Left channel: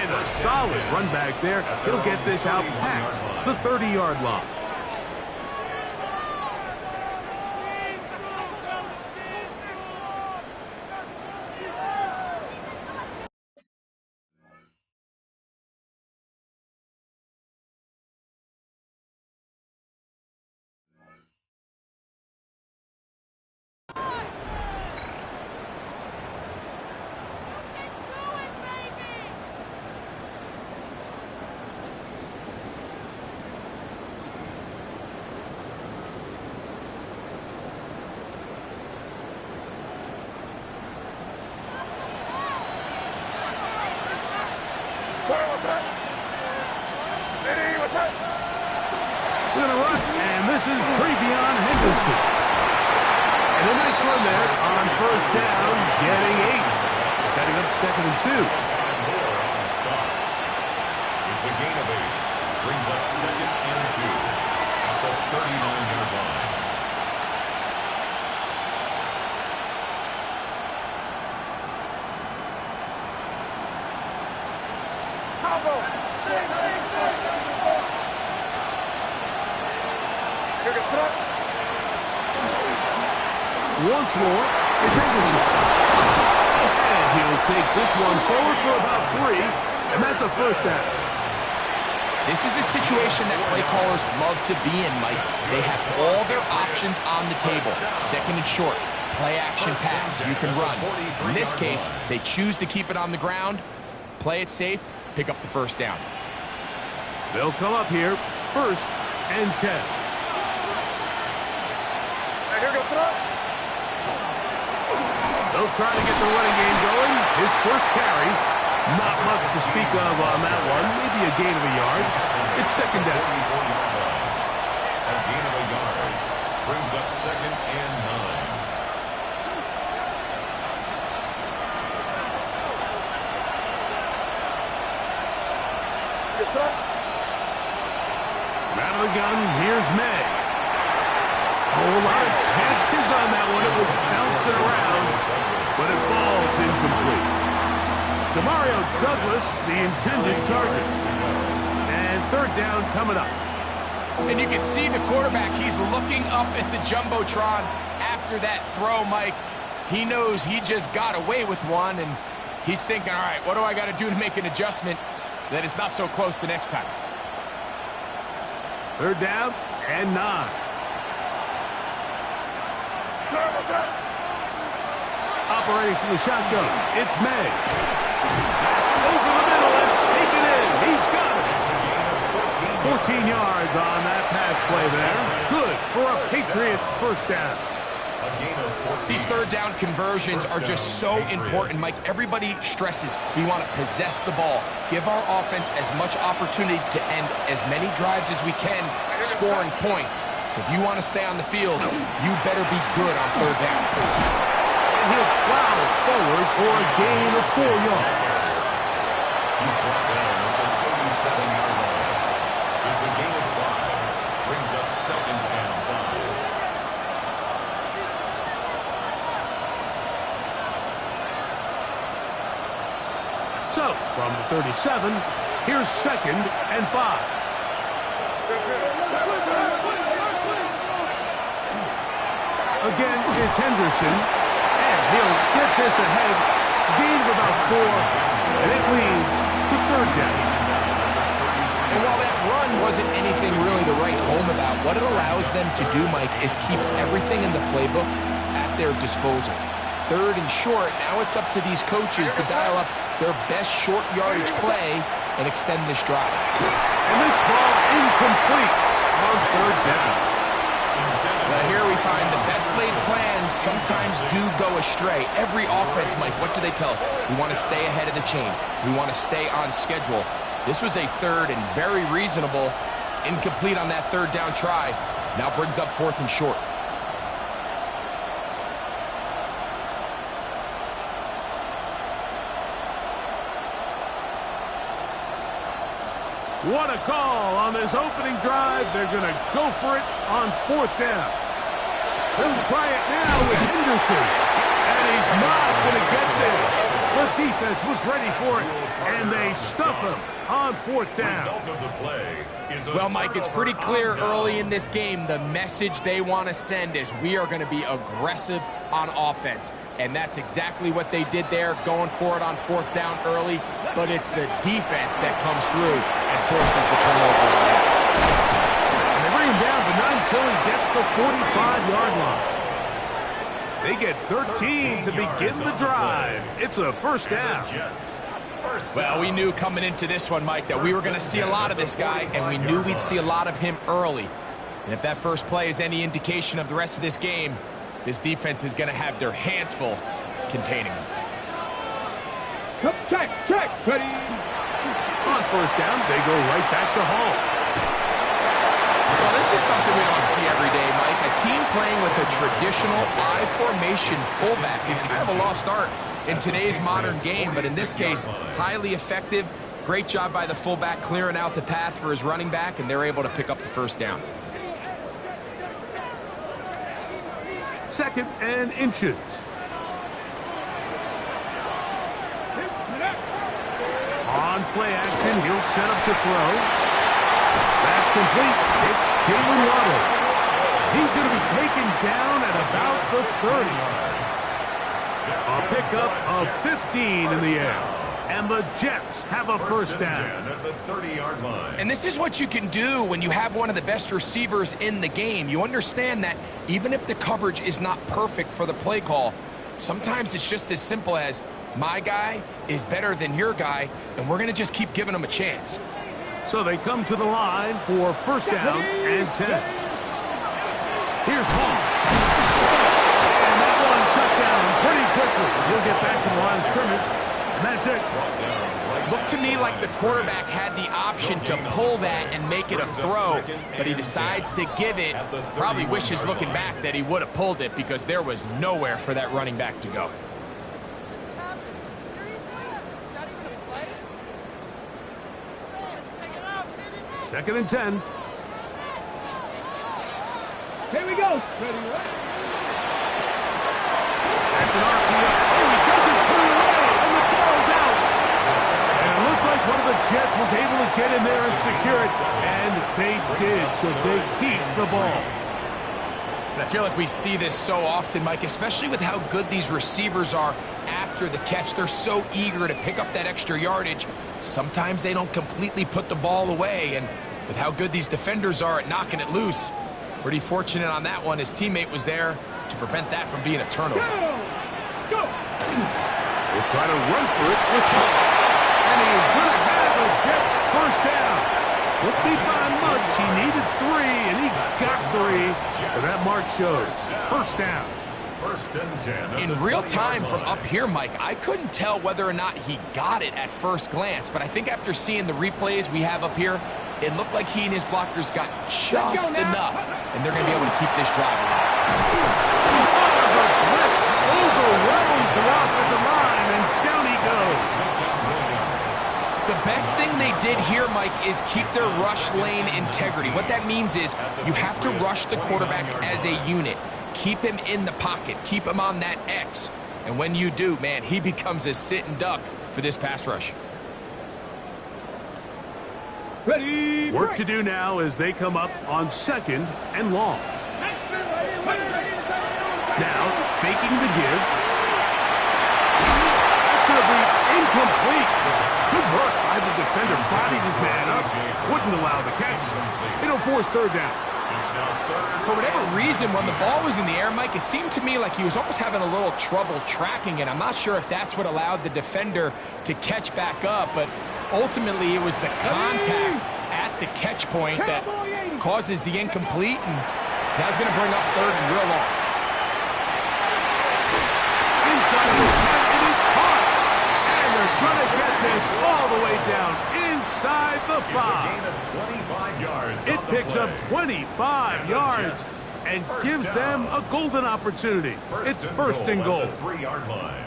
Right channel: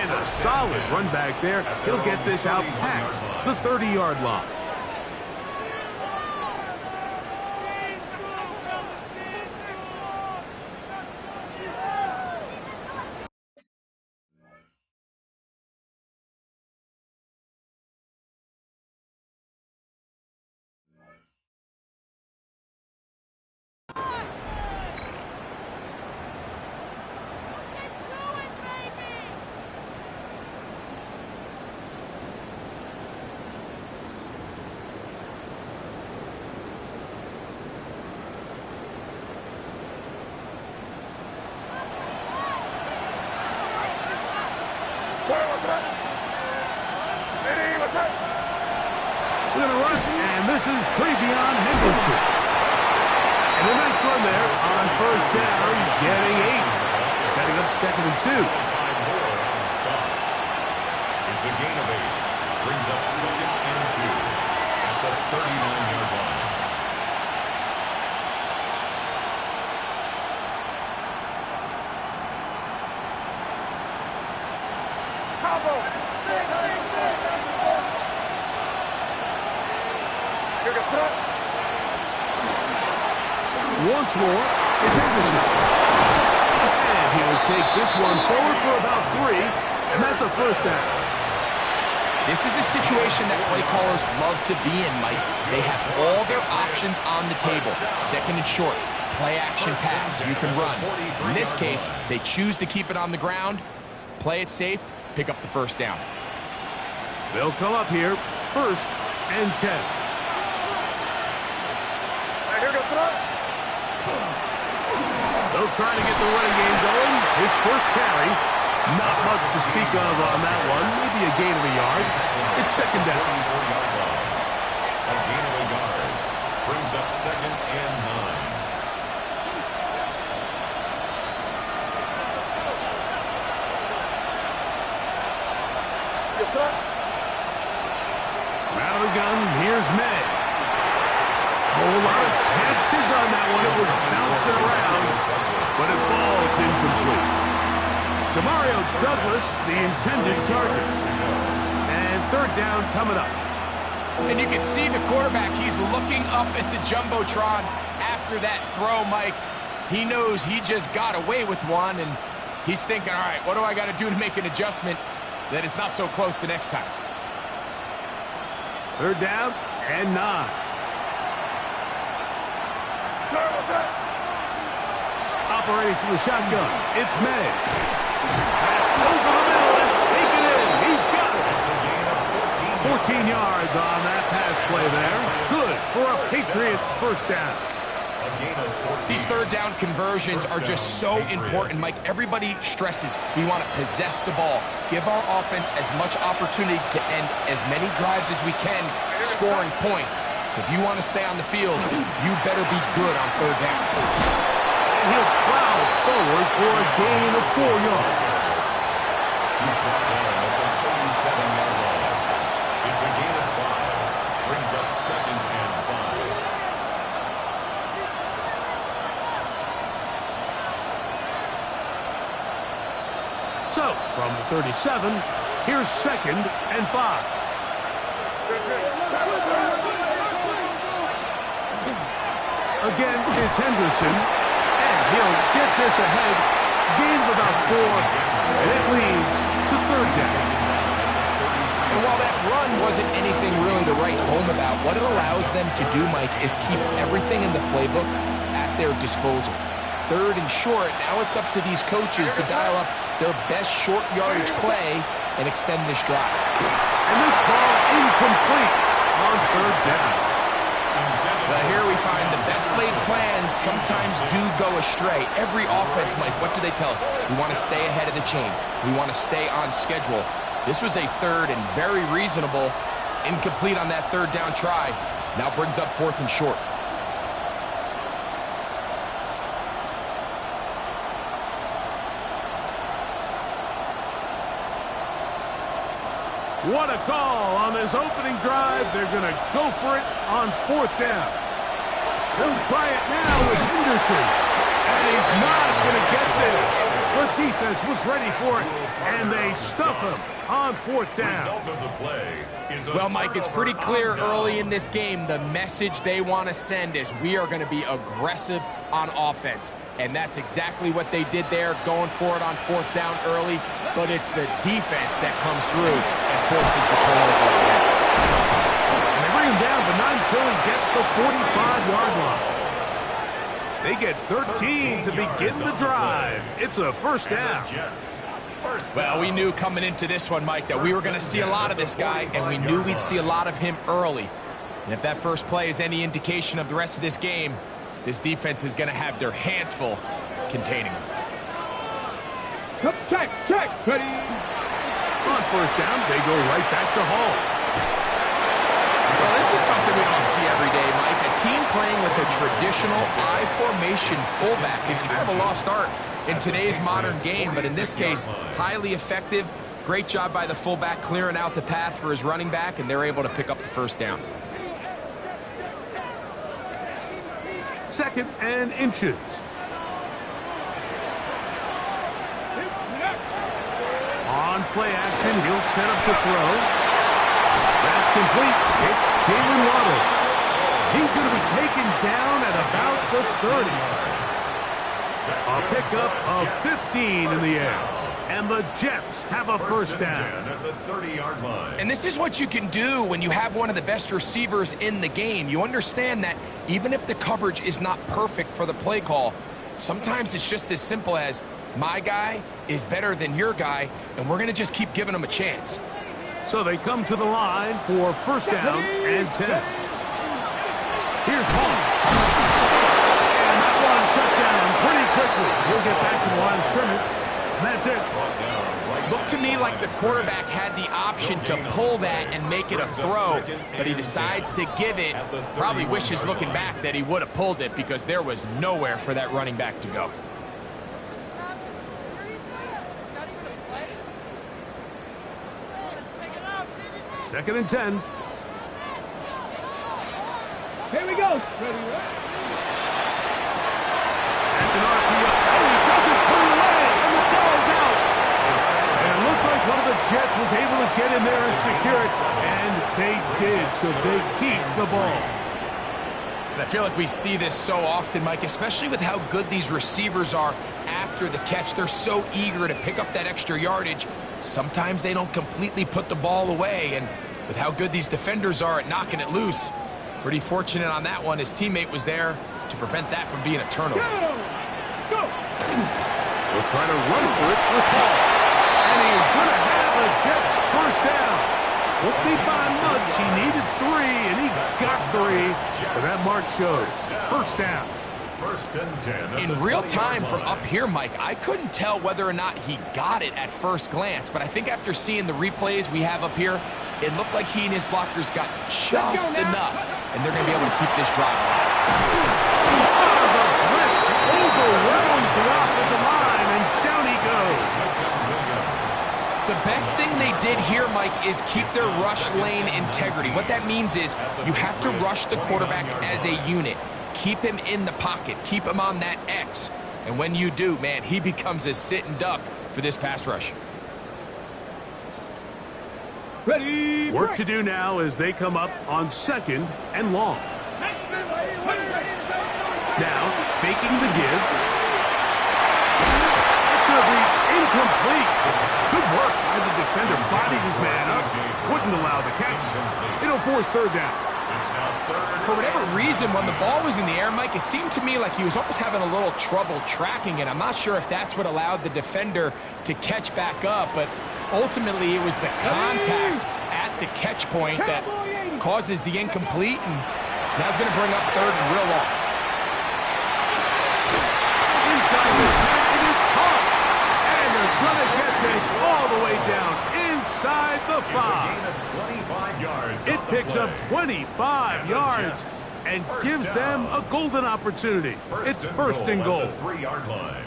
And a solid run back there. He'll get this out past the 30-yard line. We're going to run, and this is Travion Henderson. And a nice run there on first down, getting 8. Setting up 2nd and 2. It's a gain of 8. Brings up 2nd and 2 at the 39-yard line. Once more, it's Henderson. And he'll take this one forward for about 3, and that's a first down. This is a situation that play callers love to be in, Mike. They have all their options on the table. 2nd and short, play action pass, you can run. In this case, they choose to keep it on the ground, play it safe, pick up the first down. They'll come up here, 1st and 10. They'll try to get the running game going. His first carry, not much to speak of on that one. Maybe a gain of a yard. It's 2nd down. A gain of a yard brings up 2nd and 9. From out of the gun, here's Ne. A whole lot of chances on that one. It was bouncing around, but it falls incomplete. Demario Douglas, the intended target. And 3rd down coming up. And you can see the quarterback, he's looking up at the Jumbotron after that throw, Mike. He knows he just got away with one, and he's thinking, all right, what do I got to do to make an adjustment that it's not so close the next time? 3rd down and 9. Operating from the shotgun, it's Ne. That's over the middle and taken in. He's got it. It's a gain of 14 yards on that pass play there. Good for a Patriots first down. A gain of 14. These 3rd down conversions are just so important, Mike. Everybody stresses we want to possess the ball, give our offense as much opportunity to end as many drives as we can, scoring points. So if you want to stay on the field, you better be good on 3rd down. And he'll plow forward for a gain of 4 yards. He's brought down at the 37-yard line. It's a gain of 5. Brings up 2nd and 5. So, from the 37, here's 2nd and 5. Again, it's Henderson, and he'll get this ahead. Gain of about 4, and it leads to 3rd down. And while that run wasn't anything really to write home about, what it allows them to do, Mike, is keep everything in the playbook at their disposal. 3rd and short, now it's up to these coaches to dial up their best short yardage play and extend this drive. And this ball incomplete on 3rd down. Well, here we find the best laid plans sometimes do go astray. Every offense, Mike, what do they tell us? We want to stay ahead of the chains. We want to stay on schedule. This was a 3rd and very reasonable. Incomplete on that 3rd down try. Now brings up 4th and short. What a call on this opening drive. They're going to go for it on 4th down. He'll try it now with Henderson. And he's not going to get there. The defense was ready for it, and they stuff him on 4th down. Result of the play is a Well, Mike, it's pretty clear turnover on early in downs. this game the message they want to send is we are going to be aggressive on offense. And that's exactly what they did there, going for it on 4th down early. But it's the defense that comes through and forces the turnover on downs. And they bring him down, but not until he gets the 45-yard line. They get 13 to begin the drive. It's a 1st down. Well, we knew coming into this one, Mike, that we were going to see a lot of this guy, and we knew we'd see a lot of him early. And if that first play is any indication of the rest of this game, this defense is going to have their hands full containing him. Check, ready. On 1st down, they go right back to Hall. Well, this is something we don't see every day, Mike. A team playing with a traditional I formation fullback. It's kind of a lost art in today's modern game, but in this case, highly effective. Great job by the fullback clearing out the path for his running back, and they're able to pick up the 1st down. 2nd and inches. On play action, he'll set up to throw. That's complete. It's Jalen Waddle. He's going to be taken down at about the 30. A pickup of 15 in the air. And the Jets have a 1st down. At the 30-yard line. And this is what you can do when you have one of the best receivers in the game. You understand that even if the coverage is not perfect for the play call, sometimes it's just as simple as my guy is better than your guy, and we're going to just keep giving him a chance. So they come to the line for 1st down and 10. Here's Hall. And that one shut down pretty quickly. He'll get back to the line of scrimmage, and that's it. Looked to me like the quarterback had the option to pull that and make it a throw, but he decides to give it. Probably wishes looking back that he would have pulled it because there was nowhere for that running back to go. 2nd and 10. Here we go. Ready. That's an RPO. Oh, he doesn't put it away, and the ball's out. And it looked like one of the Jets was able to get in there and secure it, and they did, so they keep the ball. And I feel like we see this so often, Mike, especially with how good these receivers are after the catch. They're so eager to pick up that extra yardage. Sometimes they don't completely put the ball away, and with how good these defenders are at knocking it loose, pretty fortunate on that one. His teammate was there to prevent that from being a turnover. Go. He'll try to run for it with Hall. And he is going to have a Jets 1st down. Won't be by much. He needed 3, and he got 3. But that mark shows 1st down. 1st and 10. In real time from up here, Mike, I couldn't tell whether or not he got it at first glance, but I think after seeing the replays we have up here, it looked like he and his blockers got just enough, and they're going to be able to keep this drive alive. The blitz overwhelms the offensive line, and down he goes. The best thing they did here, Mike, is keep their rush lane integrity. What that means is you have to rush the quarterback as a unit. Keep him in the pocket. Keep him on that X. And when you do, man, he becomes a sitting duck for this pass rush. Ready. Work to do now as they come up on 2nd and long. Now, faking the give. That's going to be incomplete. Good work by the defender. Bodied his man up. Wouldn't allow the catch. It'll force 3rd down. It's now 3rd. For whatever reason, when the ball was in the air, Mike, it seemed to me like he was almost having a little trouble tracking it. I'm not sure if that's what allowed the defender to catch back up, but ultimately it was the contact at the catch point that causes the incomplete, and now it's going to bring up 3rd and real long. Inside the 10, it is caught. And they're going to get this all the way down inside the 5. It's a gain of 25 yards. It on the picks up play. 25 yards and gives them a golden opportunity. It's 1st and goal. At the 3-yard line.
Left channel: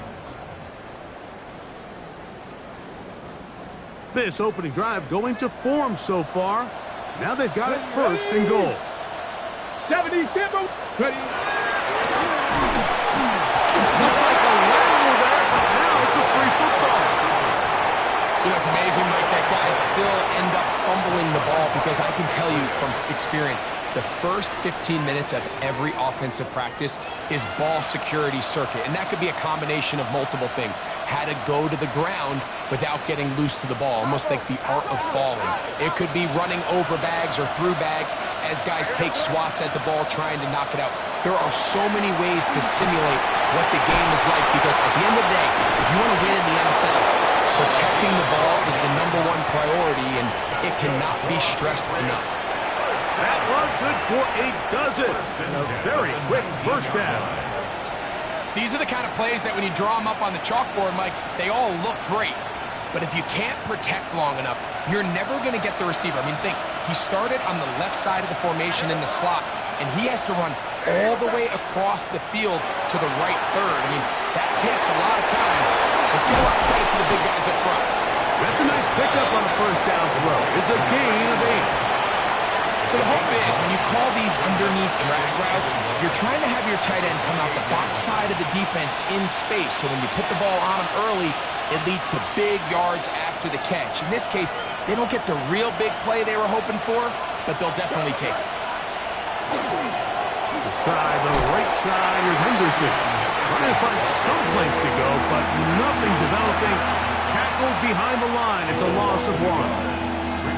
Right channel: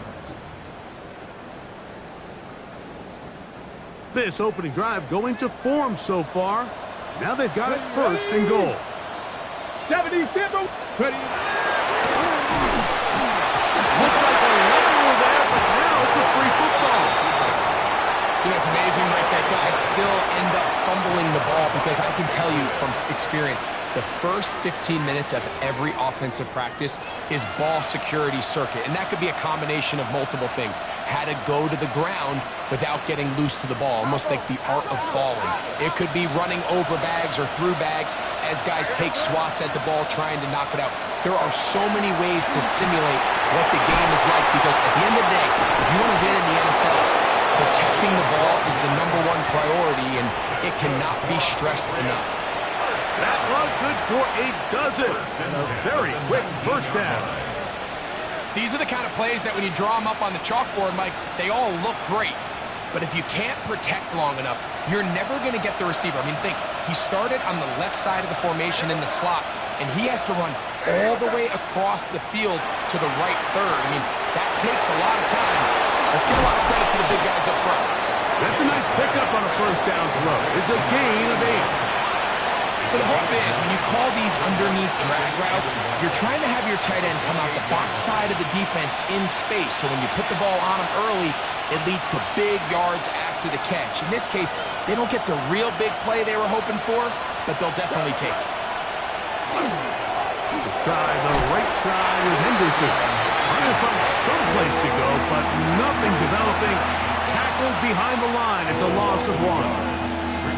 This opening drive going to form so far. Now they've got it 1st and goal. 77. Ready. Looked like a lateral there, but now it's a free football. You know, it's amazing, Mike, that guys still end up fumbling the ball because I can tell you from experience, the first 15 minutes of every offensive practice is ball security circuit, and that could be a combination of multiple things. How to go to the ground without getting loose to the ball, almost like the art of falling. It could be running over bags or through bags as guys take swats at the ball trying to knock it out. There are so many ways to simulate what the game is like because at the end of the day, if you want to win in the NFL, protecting the ball is the #1 priority, and it cannot be stressed enough. That one good for a dozen. And a very quick first down. These are the kind of plays that when you draw them up on the chalkboard, Mike, they all look great. But if you can't protect long enough, you're never going to get the receiver. I mean, think, he started on the left side of the formation in the slot, and he has to run all the way across the field to the right third. I mean, that takes a lot of time. Let's give a lot of credit to the big guys up front. That's a nice pickup on a first down throw. It's a gain of 8. So the hope is when you call these underneath drag routes, you're trying to have your tight end come out the backside of the defense in space. So when you put the ball on him early, it leads to big yards after the catch. In this case, they don't get the real big play they were hoping for, but they'll definitely take it. Try the right side with Henderson. Trying to find some place to go, but nothing developing. Tackled behind the line. It's a loss of 1.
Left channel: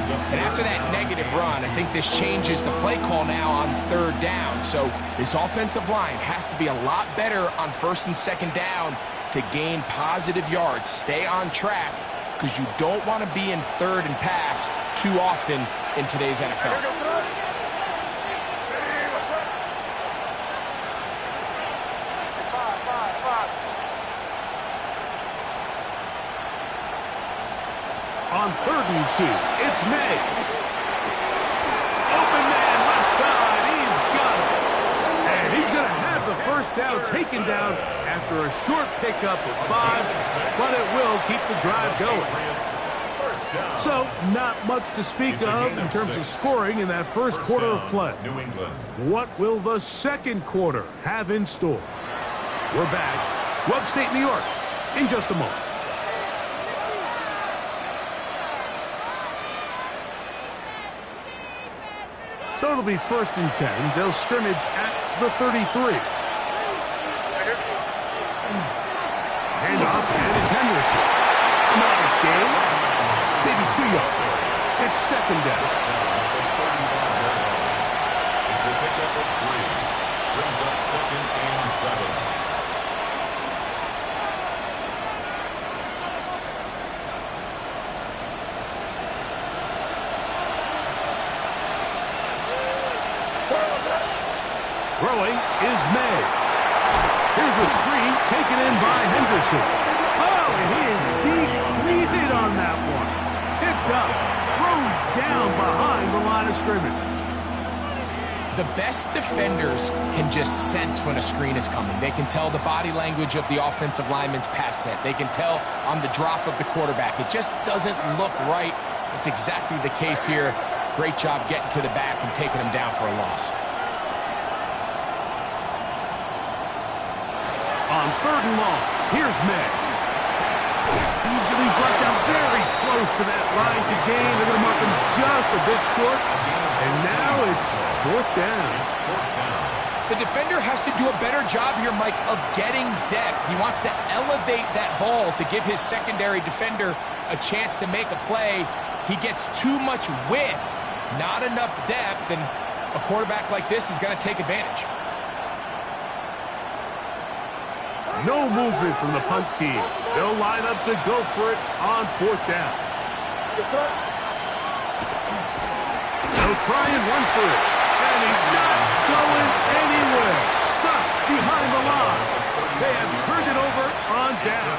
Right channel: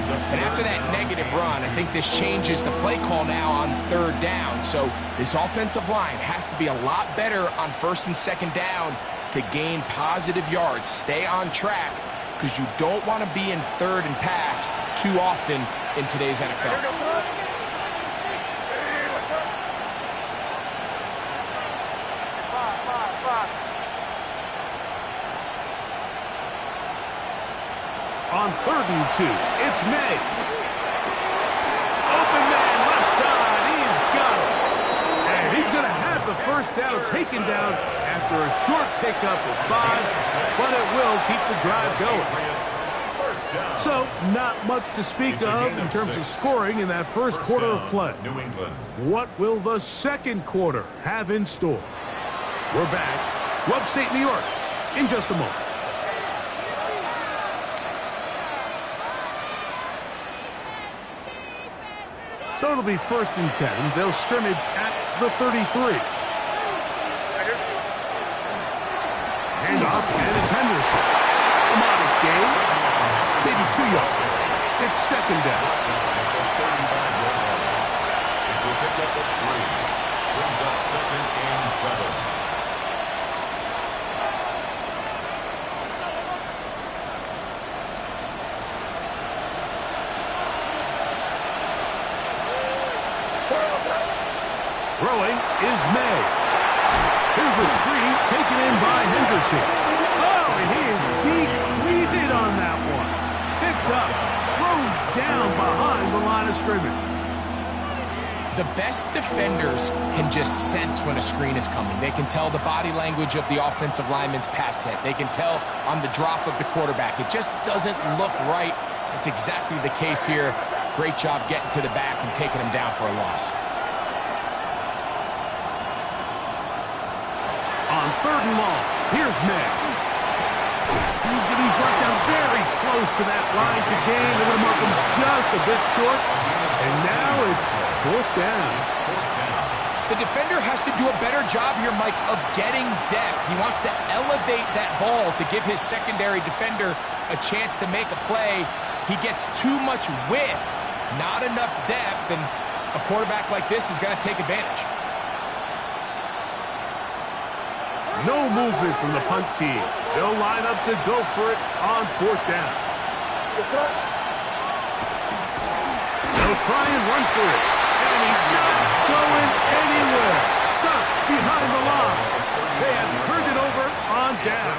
And after that negative run, I think this changes the play call now on third down. So this offensive line has to be a lot better on first and second down to gain positive yards. Stay on track because you don't want to be in third and pass too often in today's NFL. On 3rd and 2, it's May. Open man, left side, he's got it. And he's going to have the first down taken down after a short pickup of 5, but it will keep the drive going. So, not much to speak of in terms of scoring in that first quarter of play. What will the second quarter have in store? We're back to upstate New York in just a moment. So it'll be 1st and 10. They'll scrimmage at the 33. Hand off, and it's Henderson. A modest gain. Maybe 2 yards. It's 2nd down. It's a pickup of 3. Brings up 2nd and 7. Throwing is May. Here's a screen taken in by Henderson. Oh, and he is depleted on that one. Picked up, thrown down behind the line of scrimmage. The best defenders can just sense when a screen is coming. They can tell the body language of the offensive lineman's pass set. They can tell on the drop of the quarterback. It just doesn't look right. It's exactly the case here. Great job getting to the back and taking him down for a loss. On 3rd and long, here's May. He's going to be brought down very close to that line to gain. They're going to mark him just a bit short. And now it's 4th down. The defender has to do a better job here, Mike, of getting depth. He wants to elevate that ball to give his secondary defender a chance to make a play. He gets too much width, not enough depth, and a quarterback like this is going to take advantage. No movement from the punt team. They'll line up to go for it on 4th down. They'll try and run for it. And he's not going anywhere. Stuck behind the line. They have turned it over on down.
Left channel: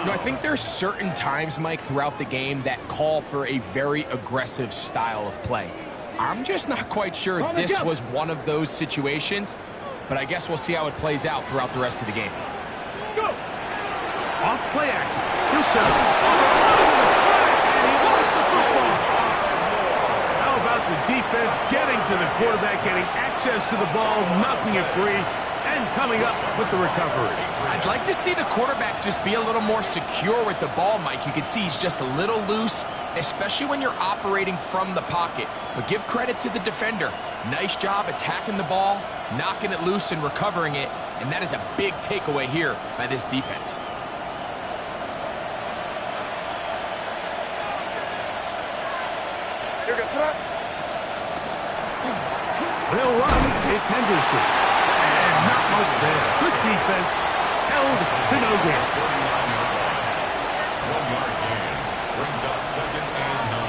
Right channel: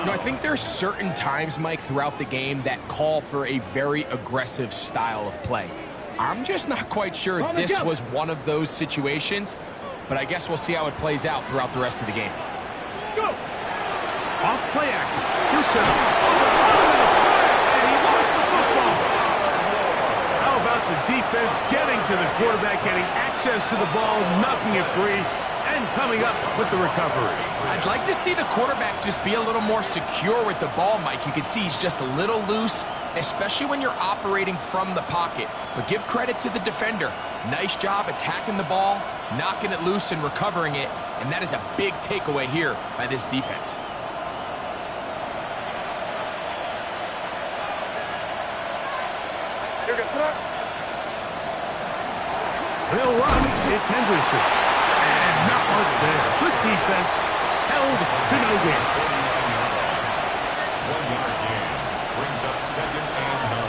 You know, I think there's certain times, Mike, throughout the game that call for a very aggressive style of play. I'm just not quite sure this was one of those situations. But I guess we'll see how it plays out throughout the rest of the game. Go! Off play action. He'll set up. Oh, the run in a flash, and he lost the football. How about the defense getting to the quarterback, getting access to the ball, knocking it free, And coming up with the recovery. I'd like to see the quarterback just be a little more secure with the ball, Mike. You can see he's just a little loose, especially when you're operating from the pocket. But give credit to the defender. Nice job attacking the ball, knocking it loose and recovering it. And that is a big takeaway here by this defense. They'll run. It's Henderson. And not much there. Good defense. Held to no gain. 1 yard gain. Brings up 2nd and 9.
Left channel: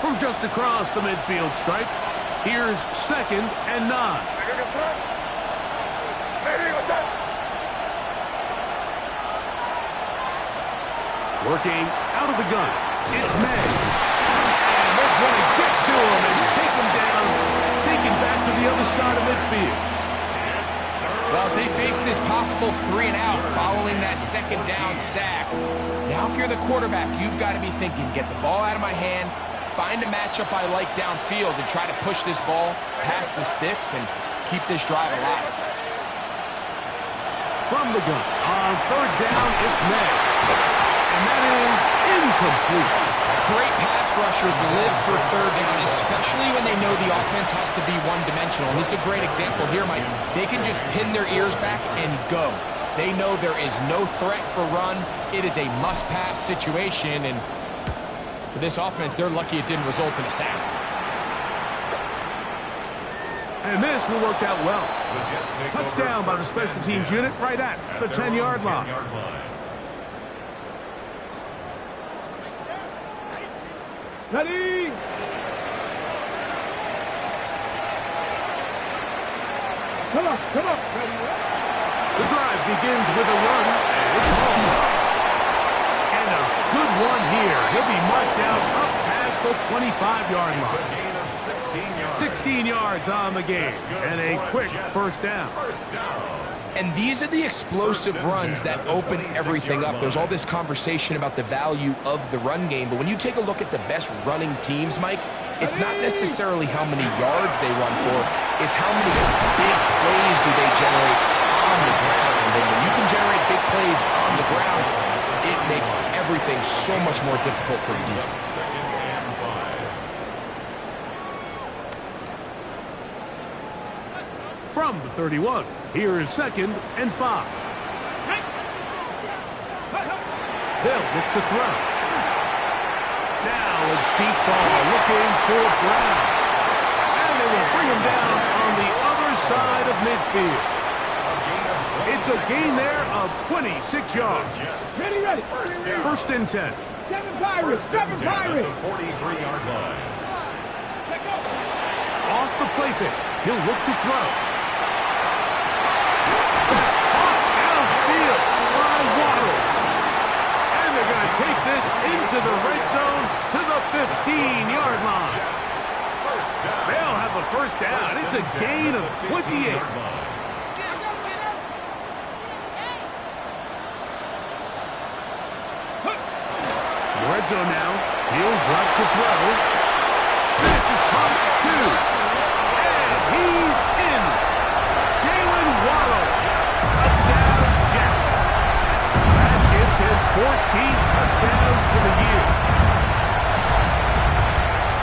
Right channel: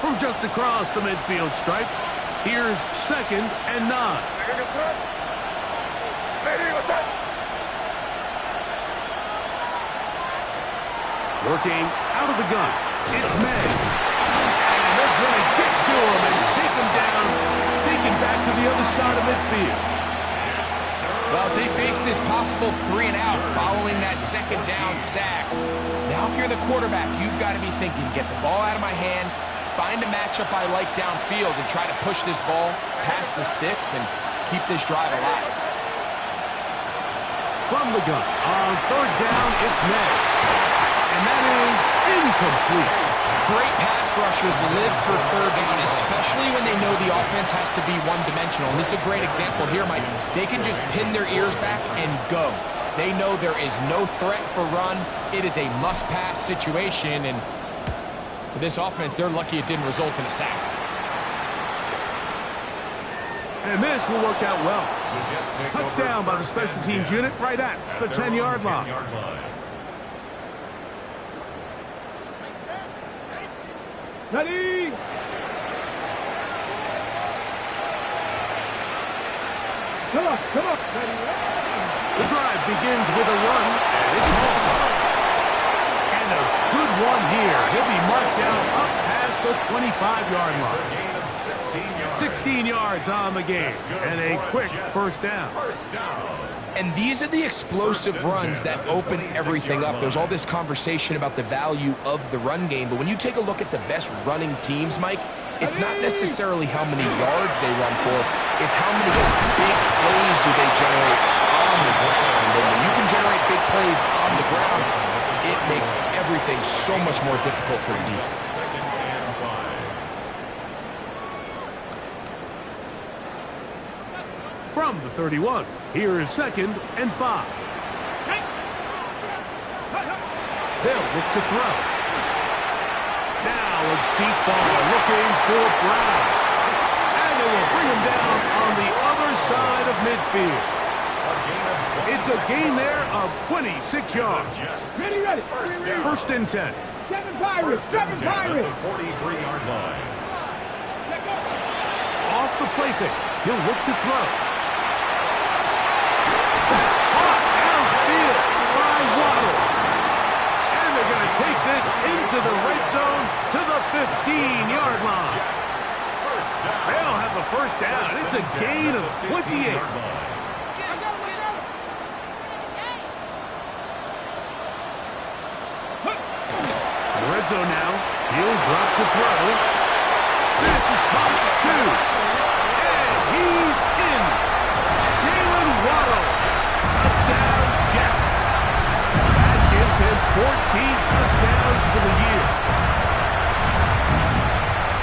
From just across the midfield stripe, here's 2nd and 9. Working out of the gun. It's May. And they're going to get to him and take him down. Taken back to the other side of midfield. Well, as they face this possible 3 and out following that 2nd down sack, now if you're the quarterback, you've got to be thinking, get the ball out of my hand, find a matchup I like downfield, and try to push this ball past the sticks and keep this drive alive. From the gun, on 3rd down, it's May. And that is incomplete. Great pass rushers live for 3rd down, especially when they know the offense has to be one-dimensional. And this is a great example here, Mike. They can just pin their ears back and go. They know there is no threat for run. It is a must-pass situation, and for this offense, they're lucky it didn't result in a sack. And this will work out well. Touchdown by the special teams unit right at the 10-yard line. Ready? Come on. Ready? The drive begins with a run, and it's home. And a good one here. He'll be marked down up past the 25-yard line. A gain of 16 yards. 16 yards on the game, and a quick first down. And these are the explosive runs that open everything up. There's all this conversation about the value of the run game, but when you take a look at the best running teams, Mike, it's not necessarily how many yards they run for, it's how many big plays do they generate on the ground. And when you can generate big plays on the ground, it makes everything so much more difficult for the defense. 2nd and 5. From the 31, here is 2nd and 5. They'll look to throw. Now a deep ball looking for Brown. And they will bring him down on the other side of midfield. It's a gain there of 26 yards. Ready. First and 10. Seven Pirates. 43-yard line. Off the play fake. He'll look to throw. That's caught downfield by Waddle. And they're going to take this into the red zone to the 15-yard line. They'll have a first down. It's a gain of 28. The red zone now. He'll drop to throw. This is caught 2. And he's in. Jalen Waddle. Touchdown, Jets. That gives him 14 touchdowns for the year.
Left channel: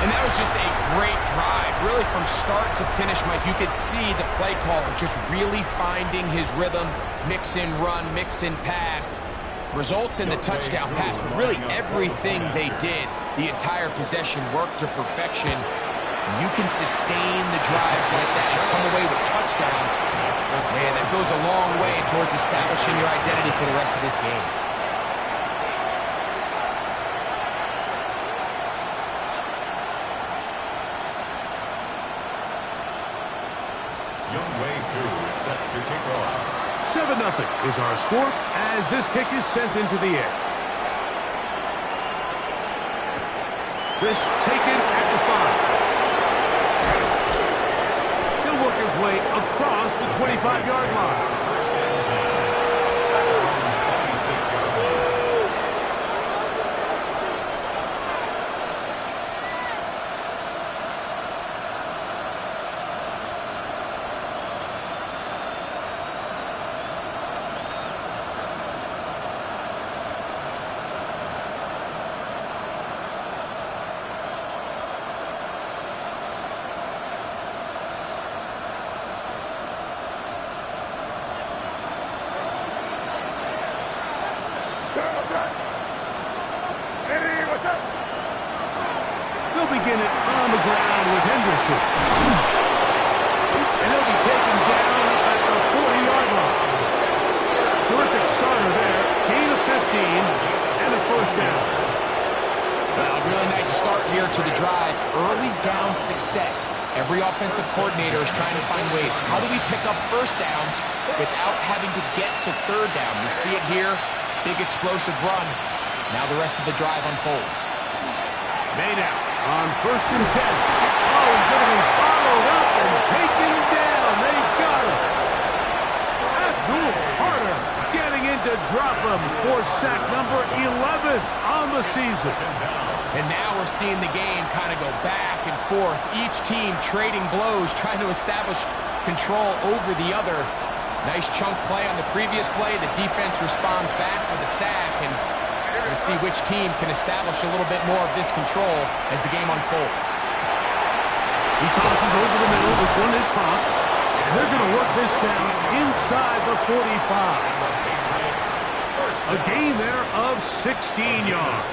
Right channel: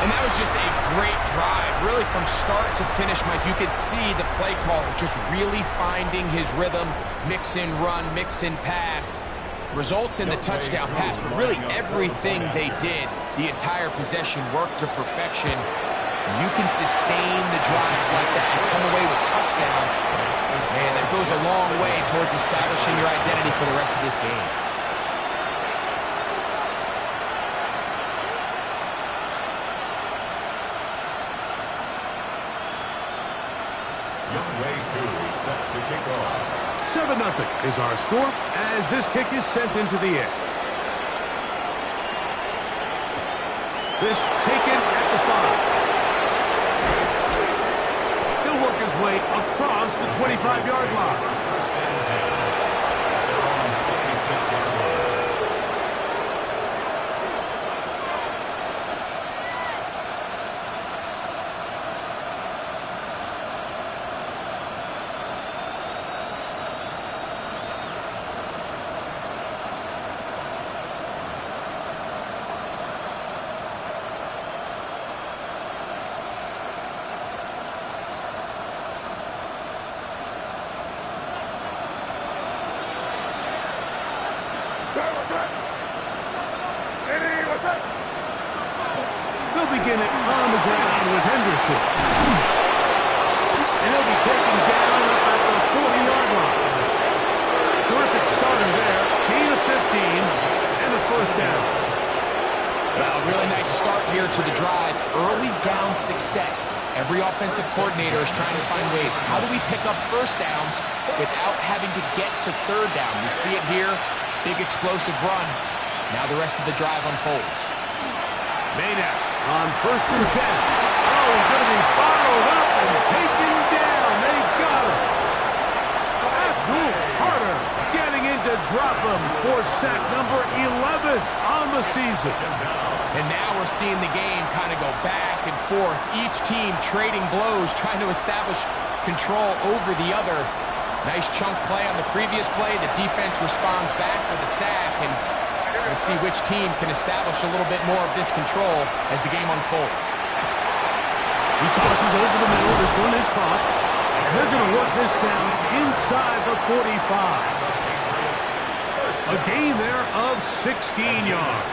And that was just a great drive. Really from start to finish, Mike, you could see the play caller just really finding his rhythm. Mix in run, mix in pass. Results in the touchdown pass, but really everything they did, the entire possession worked to perfection. And you can sustain the drives like that and come away with touchdowns. Man, that goes a long way towards establishing your identity for the rest of this game. Set to kick off. 7-0 is our score as this kick is sent into the air. This taken at the 5. He'll work his way across the 25-yard line. First and 10 at their own 26-yard line. begin it on the ground with Henderson. And he'll be taken down up at the 40-yard line. Terrific starter there. Gain of 15 and a first down. Well, really nice start here to the drive. Early down success. Every offensive coordinator is trying to find ways. How do we pick up first downs without having to get to third down? We see it here. Big explosive run. Now the rest of the drive unfolds. Made out on 1st and 10. Oh, he's going to be bottled up and taken down. They got him. Abdul Carter getting in to drop him for sack number 11 on the season. And now we're seeing the game kind of go back and forth. Each team trading blows, trying to establish control over the other. Nice chunk play on the previous play. The defense responds back with a sack, and we'll see which team can establish a little bit more of this control as the game unfolds. He tosses over the middle. This one is caught. They're going to work this down inside the 45. A gain there of 16 yards.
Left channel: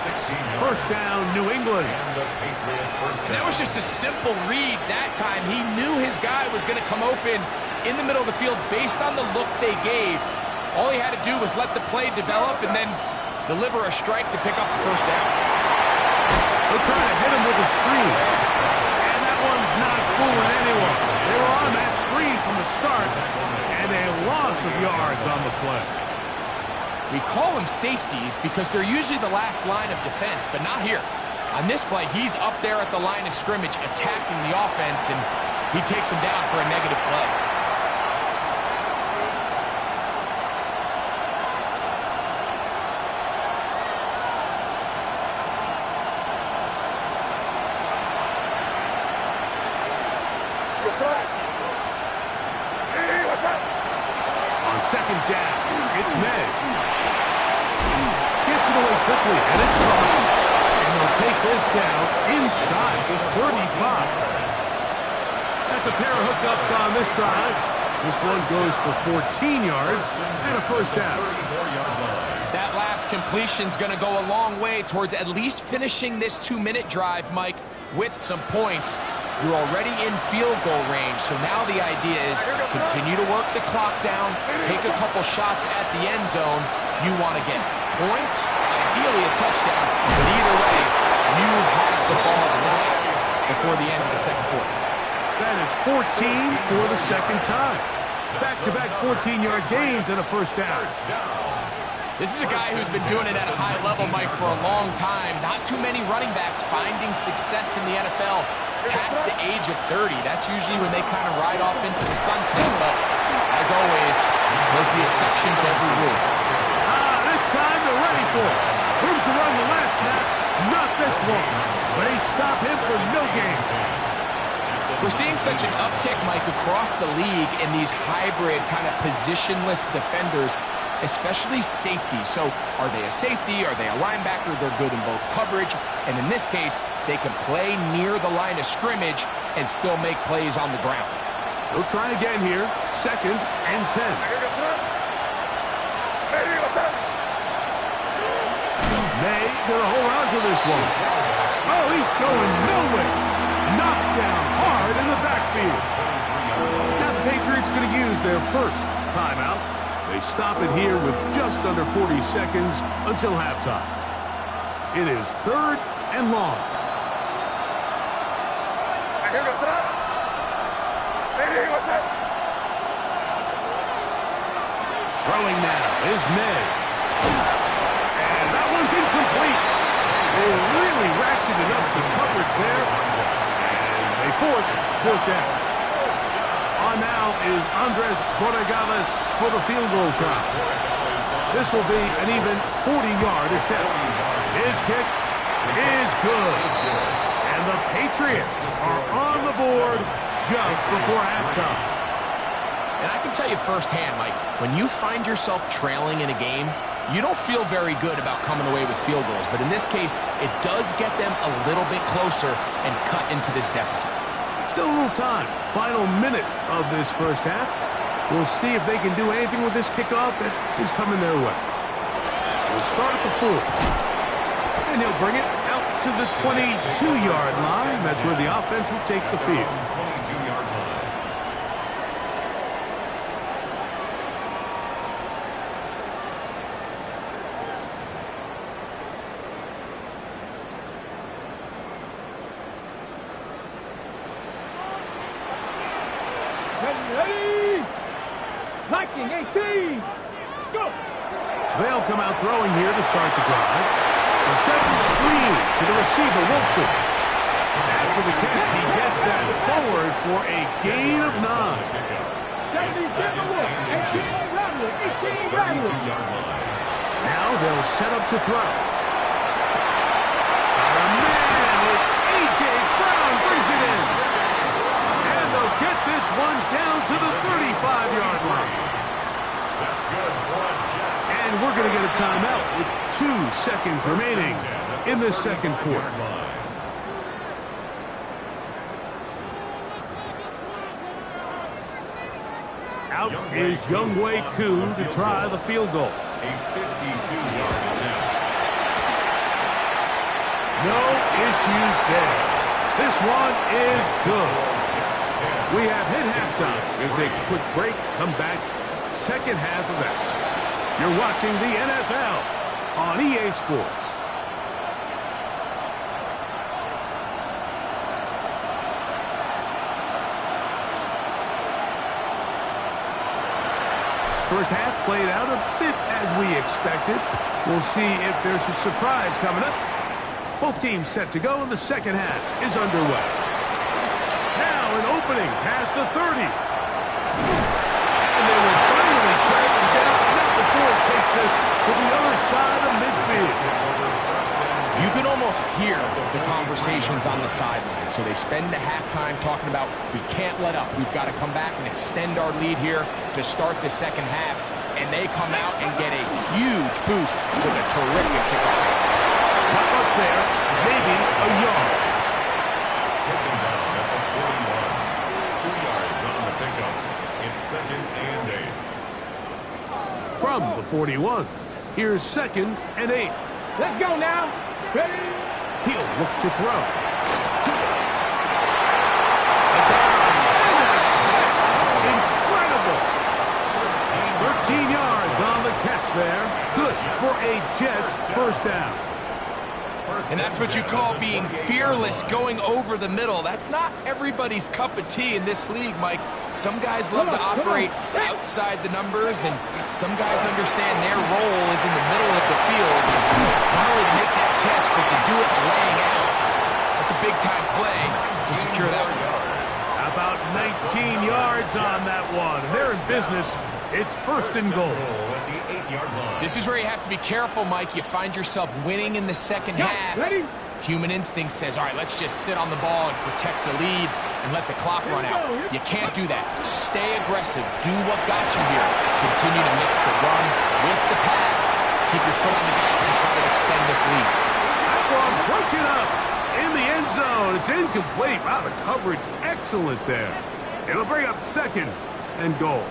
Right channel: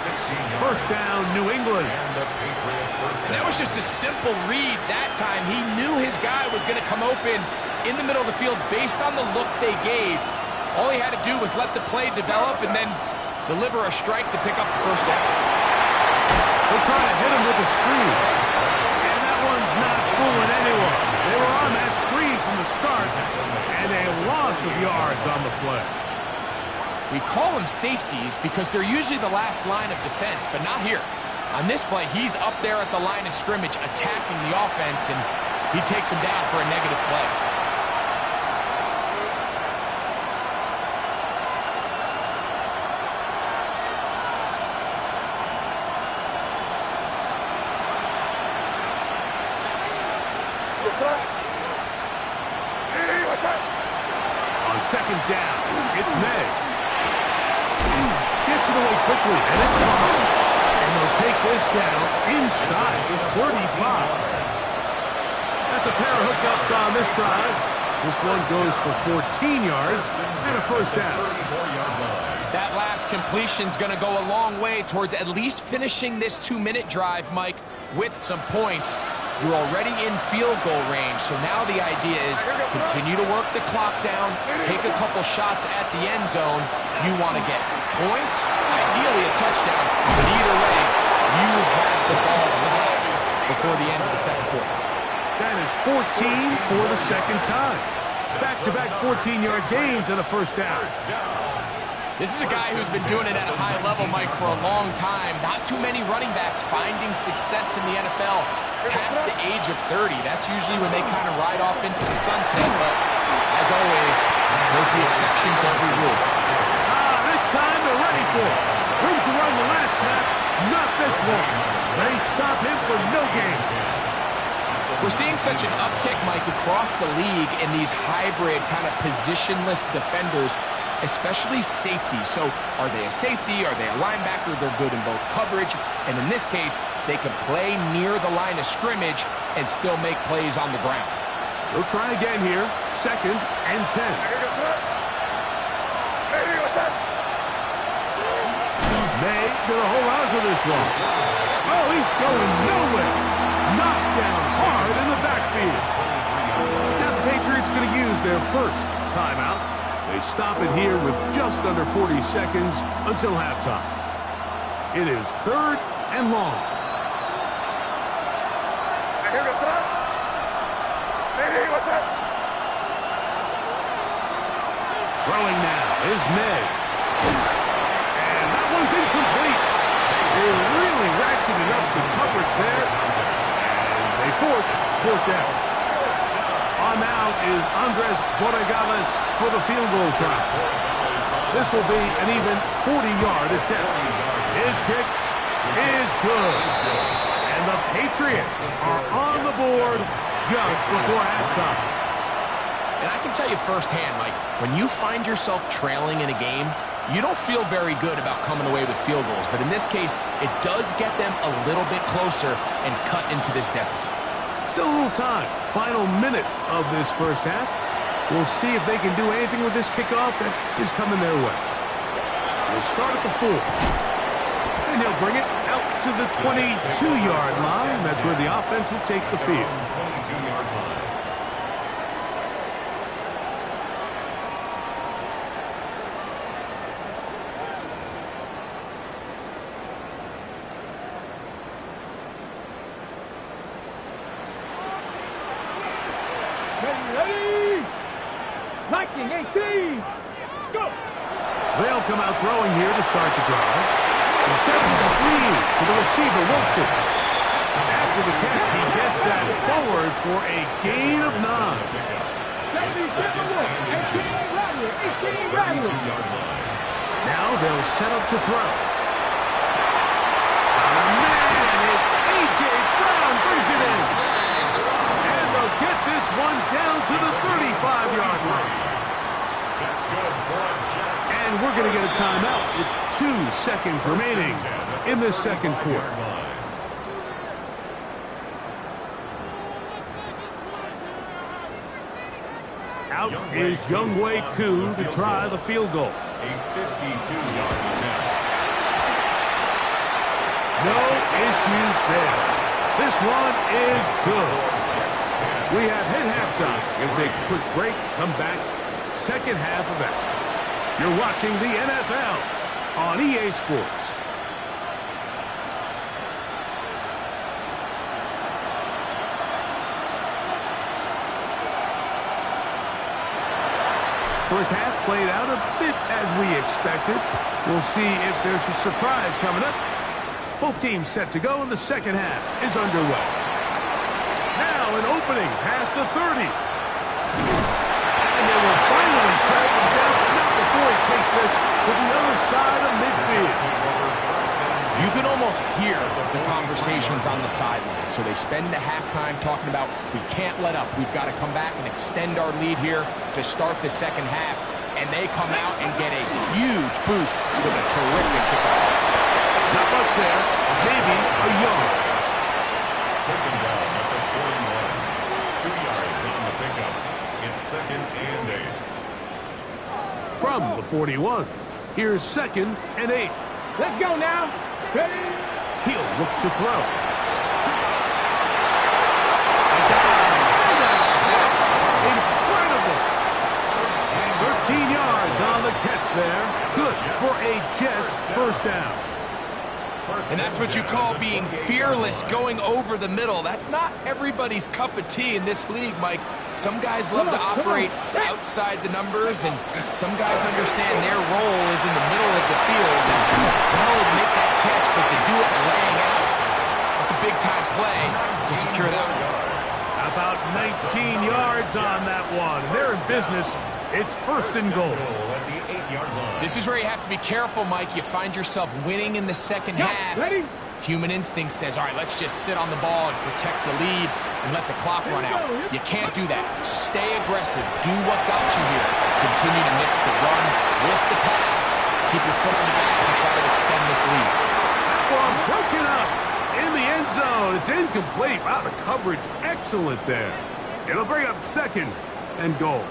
First down, New England. And that was just a simple read that time. He knew his guy was going to come open in the middle of the field based on the look they gave. All he had to do was let the play develop and then deliver a strike to pick up the first down. They're trying to hit him with a screen. And that one's not fooling anyone. They were on that screen from the start, and a loss of yards on the play. We call them safeties because they're usually the last line of defense, but not here. On this play, he's up there at the line of scrimmage attacking the offense, and he takes him down for a negative play. On second down, it's May. Gets it away quickly, and it's caught. And they'll take this down inside the 35. That's a pair of hookups on this drive. This one goes for 14 yards and a first down. That last completion's going to go a long way towards at least finishing this 2-minute drive, Mike, with some points. You're already in field goal range, so now the idea is continue to work the clock down, take a couple shots at the end zone. You want to get points, ideally a touchdown, but either way, you have the ball last before the end of the second quarter. That is 14 for the second time. Back-to-back 14-yard gains and a first down. This is a guy who's been doing it at a high level, Mike, for a long time. Not too many running backs finding success in the NFL past the age of 30. That's usually when they kind of ride off into the sunset, but as always, there's the exception to every rule. This time they're ready for it. Room to run the last snap, not this one. They stop him for no gain. We're seeing such an uptick, Mike, across the league in these hybrid kind of positionless defenders, especially safety. So are they a safety? Are they a linebacker? They're good in both coverage. And in this case, they can play near the line of scrimmage and still make plays on the ground. They'll try again here. 2nd and 10. May gonna hold on to this one. Oh, he's going nowhere. Knocked down hard in the backfield. Now the Patriots going to use their first timeout. They stop it here with just under 40 seconds until halftime. It is 3rd and long. Throwing now is May. And that one's incomplete. They really ratcheted up the coverage there. And they force fourth down. On now is Andres Borregales for the field goal try. This will be an even 40-yard attempt. His kick is good. And the Patriots are on the board just before halftime. And I can tell you firsthand, Mike, when you find yourself trailing in a game, you don't feel very good about coming away with field goals. But in this case, it does get them a little bit closer and cut into this deficit. Still a little time. Final minute of this first half. We'll see if they can do anything with this kickoff that is coming their way. We'll start at the 4. And he'll bring it out to the 22-yard line. That's where the offense will take the field. 22-yard line. Ready. Liking 18. Let's go. They'll come out throwing here to start the drive. They'll set the screen to the receiver, Wilson. After the catch, he gets that forward for a gain of 9. 77 more. 18 rattler. 18 rattler. 32-yard line. Now they'll set up to throw. Got a man. It's A.J. Brown brings it in. And they'll get this one down to the 35-yard line. That's good for a Jets. And we're going to get a timeout with 2 seconds remaining in the second quarter. Out is Younghoe Koo to try the field goal. A 52-yard attempt. No issues there. This one is good. We have hit halftime. We'll take a quick break, come back, second half of action. You're watching the NFL on EA Sports. First half played out a bit as we expected. We'll see if there's a surprise coming up. Both teams set to go, and the second half is underway. Now an opening past the 30. And they will finally track him down, not before he takes this to the other side of midfield. You can almost hear the conversations on the sideline. So they spend the halftime talking about, we can't let up. We've got to come back and extend our lead here to start the second half. And they come out and get a huge boost with a terrific kickoff. Not much there, maybe a yard. Taken down at the 41. 2 yards on the pickup. It's 2nd and 8. From the 41, here's 2nd and 8. Let's go now. Ready. He'll look to throw. A dive and a catch. Incredible. 13 yards on the catch there. Good for a Jets first down. And that's what you call being fearless, going over the middle. That's not everybody's cup of tea in this league, Mike. Some guys love to operate outside the numbers, and some guys understand their role is in the middle of the field. And not only to make that catch, but to do it laying out. That's a big-time play to secure that one. About 19 yards on that one. They're in business. It's 1st and goal. At the 8-yard line. This is where you have to be careful, Mike. You find yourself winning in the second half. Ready. Human instinct says, all right, let's just sit on the ball and protect the lead and let the clock run out. You can't do that. Stay aggressive. Do what got you here. Continue to mix the run with the pass. Keep your foot on the gas and try to extend this lead. That one broken up in the end zone. It's incomplete. Wow, the coverage excellent there. It'll bring up 2nd and goal.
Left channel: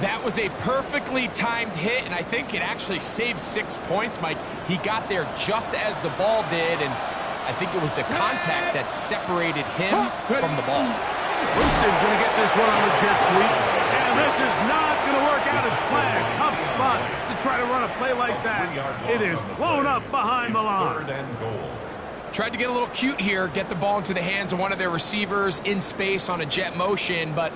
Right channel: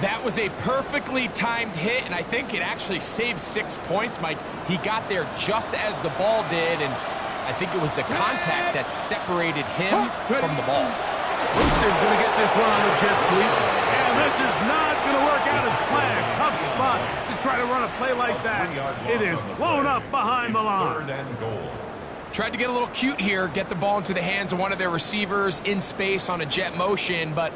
That was a perfectly timed hit, and I think it actually saved 6 points, Mike. He got there just as the ball did, and I think it was the contact that separated him from the ball. Wilson going to get this one on the jet sweep, and this is not going to work out as planned. Tough spot to try to run a play like that. It is blown up behind the line. 3rd and goal. Tried to get a little cute here, get the ball into the hands of one of their receivers in space on a jet motion, but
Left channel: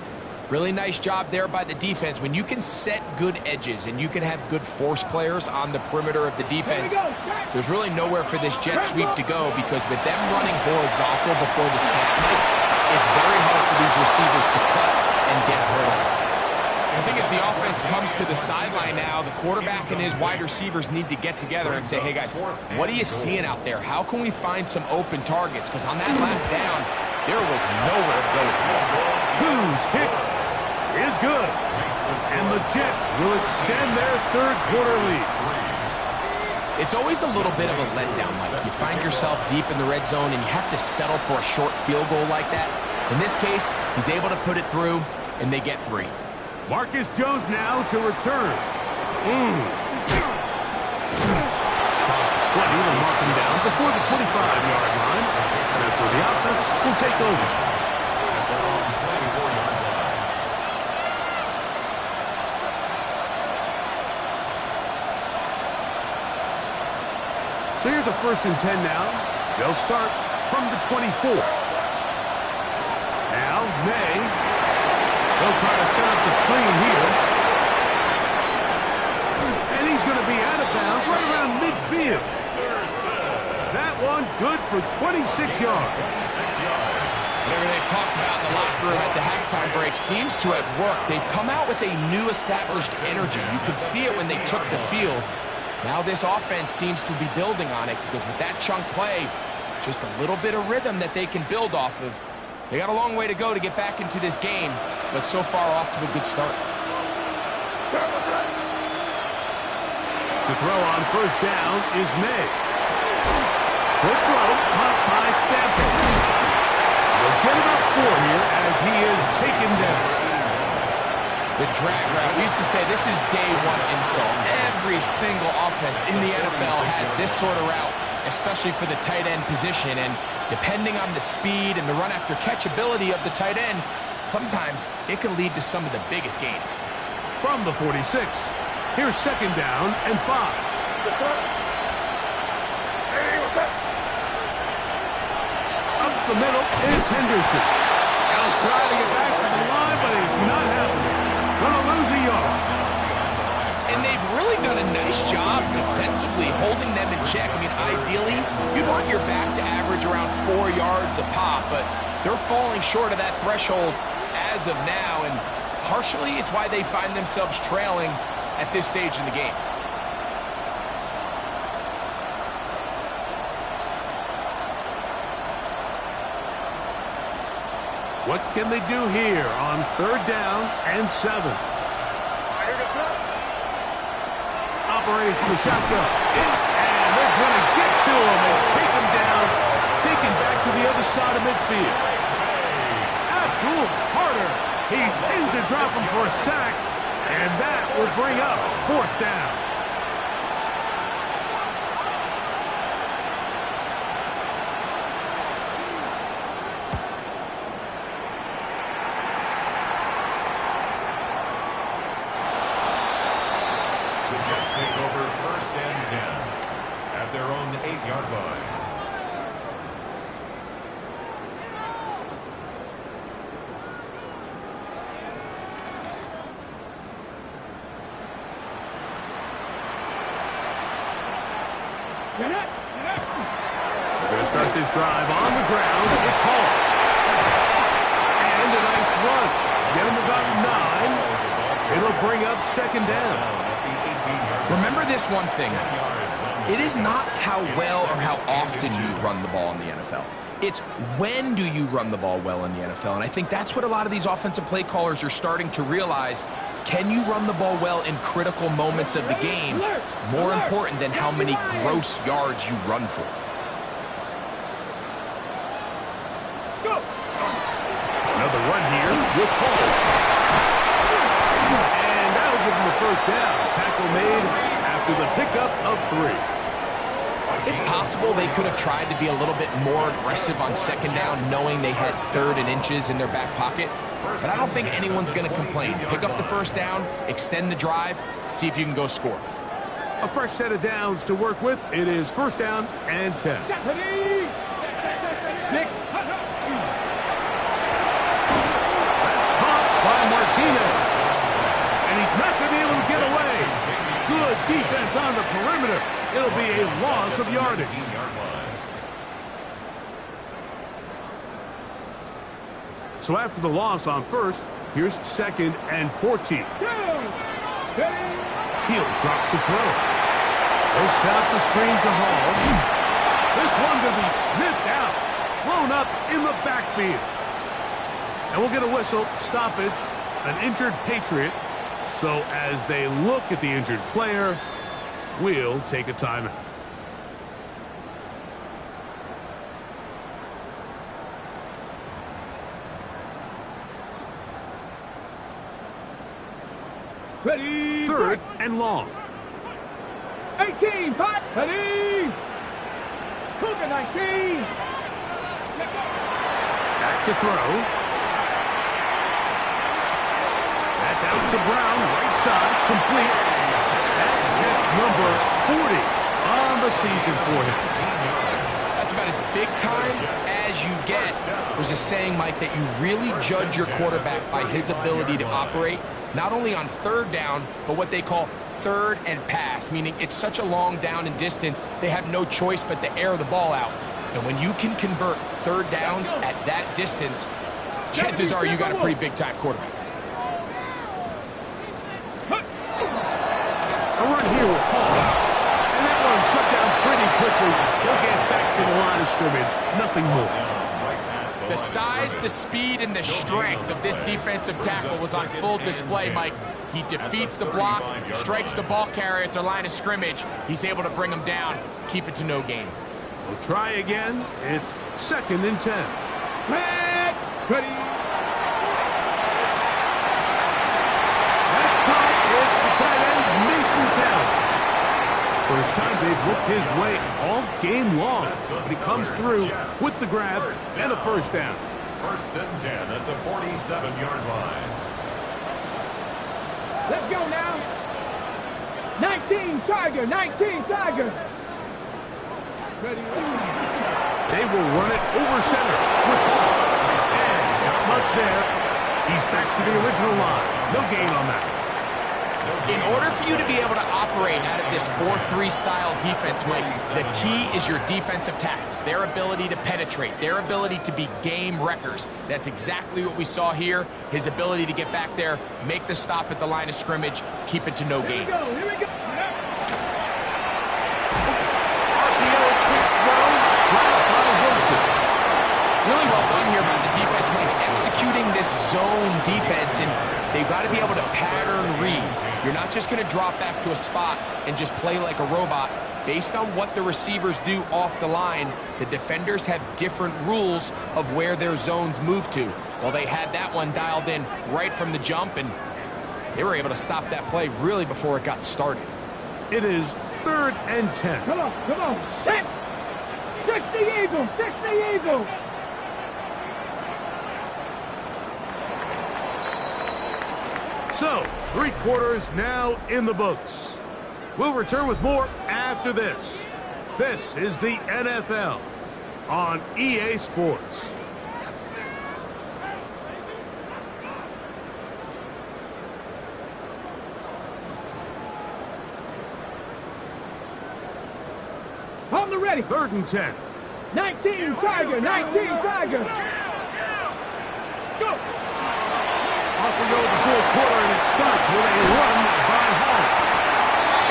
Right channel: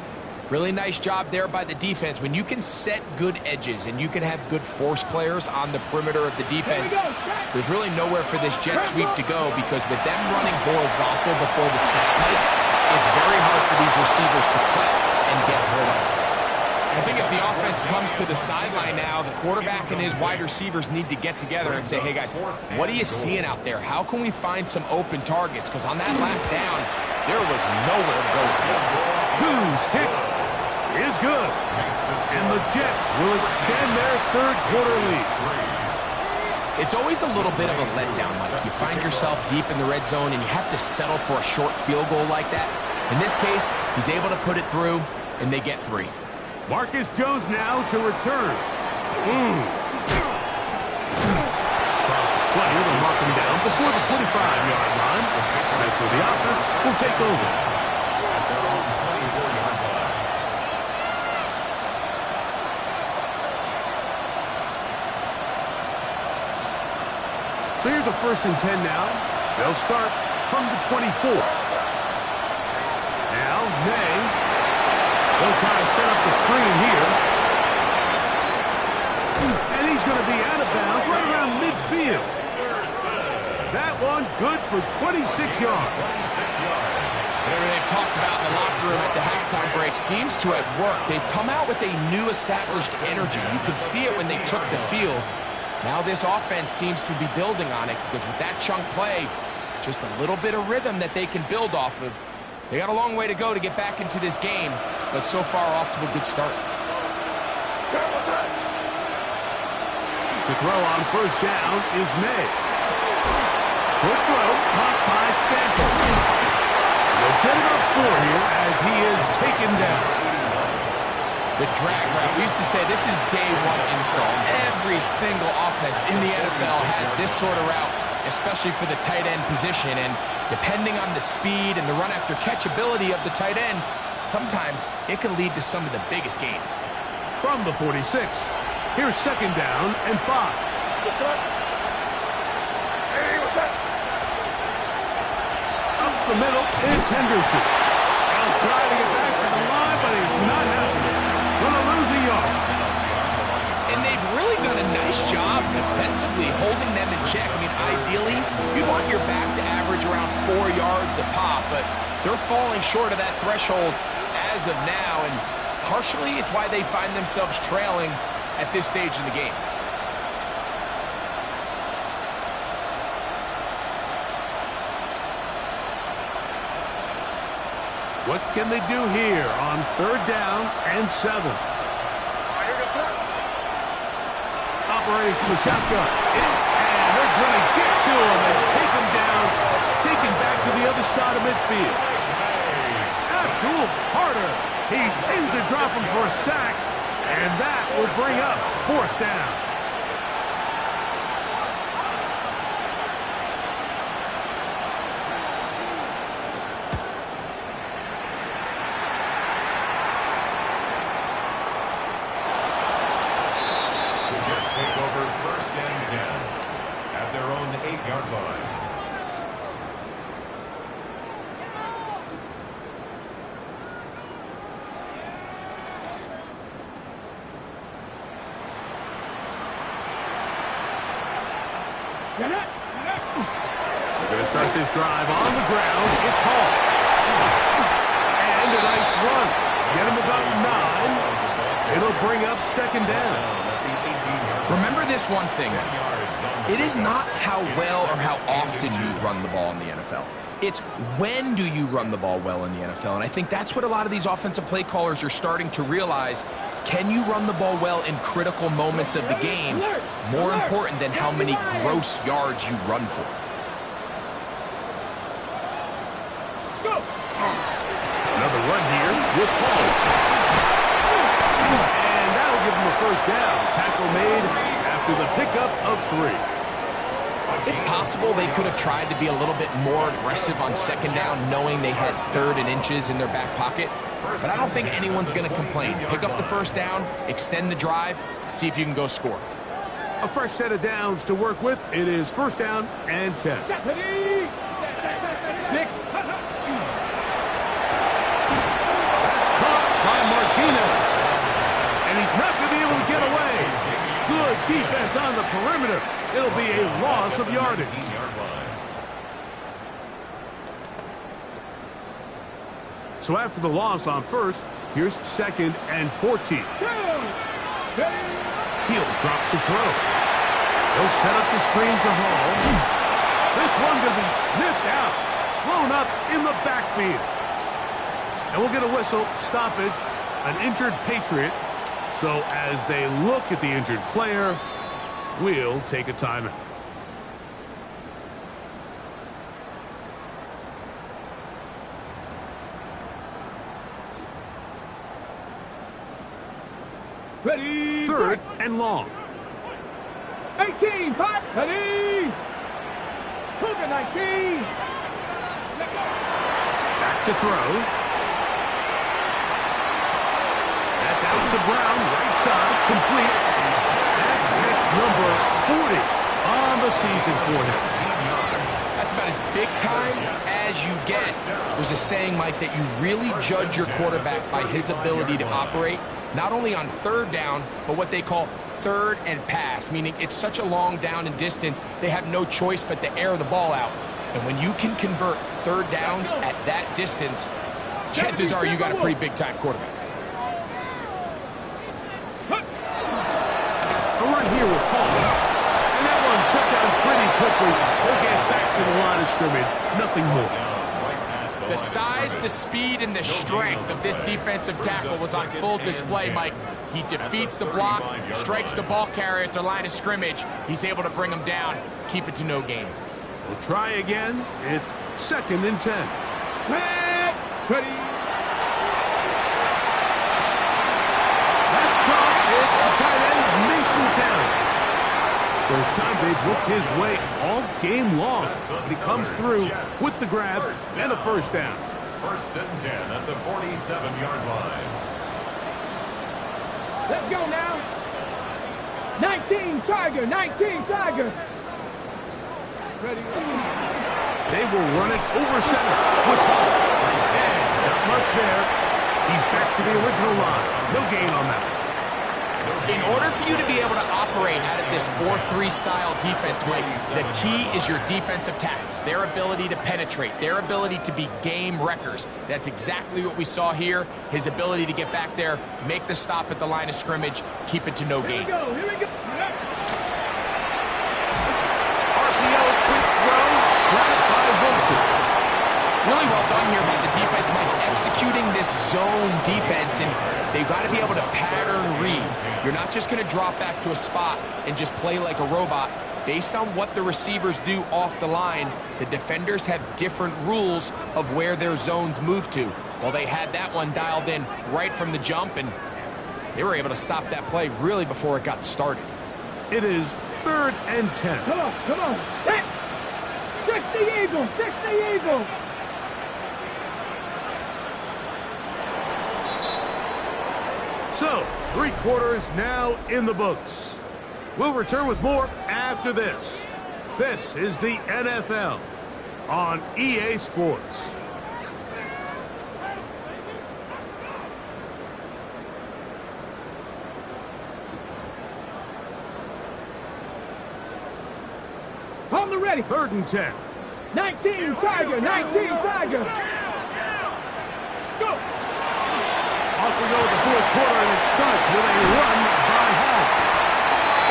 really nice job there by the defense. When you can set good edges and you can have good force players on the perimeter of the defense, there's really nowhere for this jet sweep to go, because with them running horizontal before the snap, it's very hard for these receivers to cut and get hurt. I think as the offense comes to the sideline now, the quarterback and his wide receivers need to get together and say, hey guys, what are you seeing out there? How can we find some open targets? Because on that last down, there was nowhere to go. Whose kick is good. And the Jets will extend their 3rd quarter lead. It's always a little bit of a letdown, Mike. You find yourself deep in the red zone and you have to settle for a short field goal like that. In this case, he's able to put it through, and they get 3. Marcus Jones now to return. Across the They'll mark him down before the 25-yard line. That's where the offense will take over. At their own 24-yard line. So here's a 1st and 10 now. They'll start from the 24. Now, Ne. They'll try to set up the screen here. And he's going to be out of bounds right around midfield. That one good for 26 yards. 26 yards. Whatever they've talked about in the locker room at the halftime break seems to have worked. They've come out with a new established energy. You could see it when they took the field. Now this offense seems to be building on it because with that chunk play, just a little bit of rhythm that they can build off of. They got a long way to go to get back into this game, but so far off to a good start. To throw on 1st down is Ne. Short throw, caught by Sample. They'll get it up 4 here as he is taken down. The drag route, we used to say this is day 1 install. Every single offense in the NFL has this sort of route, especially for the tight end position. And depending on the speed and the run after catch ability of the tight end, sometimes it can lead to some of the biggest gains. From the 46, here's 2nd down and 5. Up the middle, it's Henderson. He'll try to get back to the line, but he's not happening. Gonna lose a yard. And they've really done a nice job defensively holding them in check. I mean, ideally, you'd want your back to average around 4 yards a pop, but they're falling short of that threshold as of now, and partially it's why they find themselves trailing at this stage in the game. What can they do here on 3rd down and 7? Operating from the shotgun. And they're going to get to him and take him down. Taken back to the other side of midfield. Abdul Carter. He's in to drop him for a sack. And that will bring up 4th down. The Jets take over 1st and 10 at their own 8-yard line. We're going to start this drive on the ground. It's Hall. And a nice run. Get him about 9. It'll bring up 2nd down. Remember this one thing. It is not how well or how often you run the ball in the NFL. It's when do you run the ball well in the NFL. And I think that's what a lot of these offensive play callers are starting to realize. Can you run the ball well in critical moments of the game? More important than how many gross yards you run for. Let's go. Another run here with Hall. And that'll give him a 1st down. Tackle made after the pickup of 3. It's possible they could have tried to be a little bit more aggressive on 2nd down, knowing they had 3rd and inches in their back pocket. But I don't think anyone's going to complain. Pick up the 1st down, extend the drive, see if you can go score. A fresh set of downs to work with. It is 1st down and 10. That's caught by Martinez. And he's not going to be able to get away. Good defense on the perimeter. It'll be a loss of yardage. So after the loss on 1st, here's 2nd and 14. He'll drop to throw. They'll set up the screen to Hall. This one going to be sniffed out. Thrown up in the backfield. And we'll get a whistle, stoppage, an injured Patriot. So as they look at the injured player, we'll take a timeout. Ready. 3rd and long. 18, 5, ready. Cougar 19. Back to throw. That's out to Brown, right side, complete. That hits number 40 on the season for him. That's about as big time as you get. There's a saying, Mike, that you really judge your quarterback by his ability to operate, not only on third down, but what they call third and pass, meaning it's such a long down and distance, they have no choice but to air the ball out. And when you can convert third downs at that distance, chances are you got a pretty big-time quarterback. A run here with Paul. And that one shut down pretty quickly. He'll get back to the line of scrimmage. Nothing more. The size, the speed, and the strength of this defensive tackle was on full display, Mike. He defeats the block, strikes the ball carrier at the line of scrimmage. He's able to bring him down, keep it to no gain. We'll try again. It's 2nd and 10. Ready. That's caught. It's the tight end, Mason Town. First time they've looked his way all game long, but he comes through with the grab and a first down. 1st and 10 at the 47-yard line. Let's go now. 19, Tiger. 19, Tiger. Ready. They will run it over center with Paul. And not much there. He's back to the original line. No gain on that. In order for you to be able to operate out of this 4-3 style defense, Mike, the key is your defensive tackles, their ability to penetrate, their ability to be game wreckers. That's exactly what we saw here. His ability to get back there, make the stop at the line of scrimmage, keep it to no gain. Here we go. RPO, quick throw, grabbed by Wilson. Really well done here by the defense, Mike, executing this zone defense, and they've got to be able to pattern read. You're not just going to drop back to a spot and just play like a robot. Based on what the receivers do off the line, the defenders have different rules of where their zones move to. Well, they had that one dialed in right from the jump, and they were able to stop that play really before it got started. It is 3rd and 10. Come on. Set. 60 Eagle. 60 Eagle. So, 3 quarters now in the books. We'll return with more after this. This is the NFL on EA Sports. On the ready. 3rd and 10. 19, Tiger. 19, Tiger. Go. Off we go with the 4th quarter, and it starts with a run by Hall.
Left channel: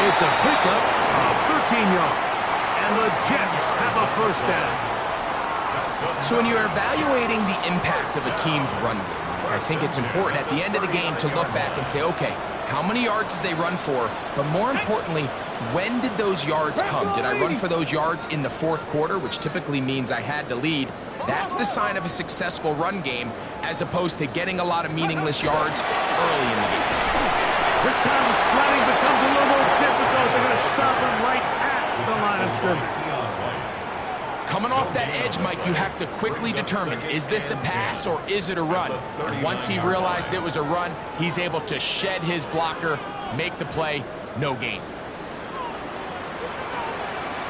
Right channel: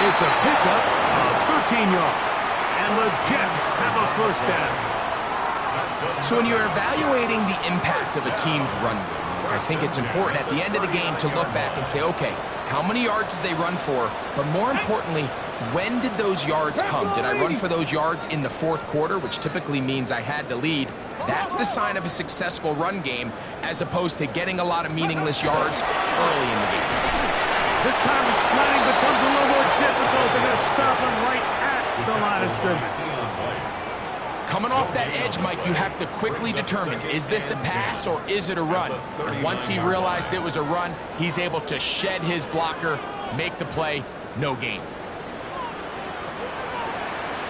It's a pickup of 13 yards, and the Jets have a first down. So when you're evaluating the impact of a team's run game, I think it's important at the end of the game to look back and say, okay, how many yards did they run for? But more importantly, when did those yards come? Did I run for those yards in the 4th quarter, which typically means I had to lead? That's the sign of a successful run game, as opposed to getting a lot of meaningless yards early in the game. This time the sliding becomes a little more difficult. They're going to stop him right at the line of scrimmage. Coming off that edge, Mike, you have to quickly determine, is this a pass or is it a run? And once he realized it was a run, he's able to shed his blocker, make the play, no gain.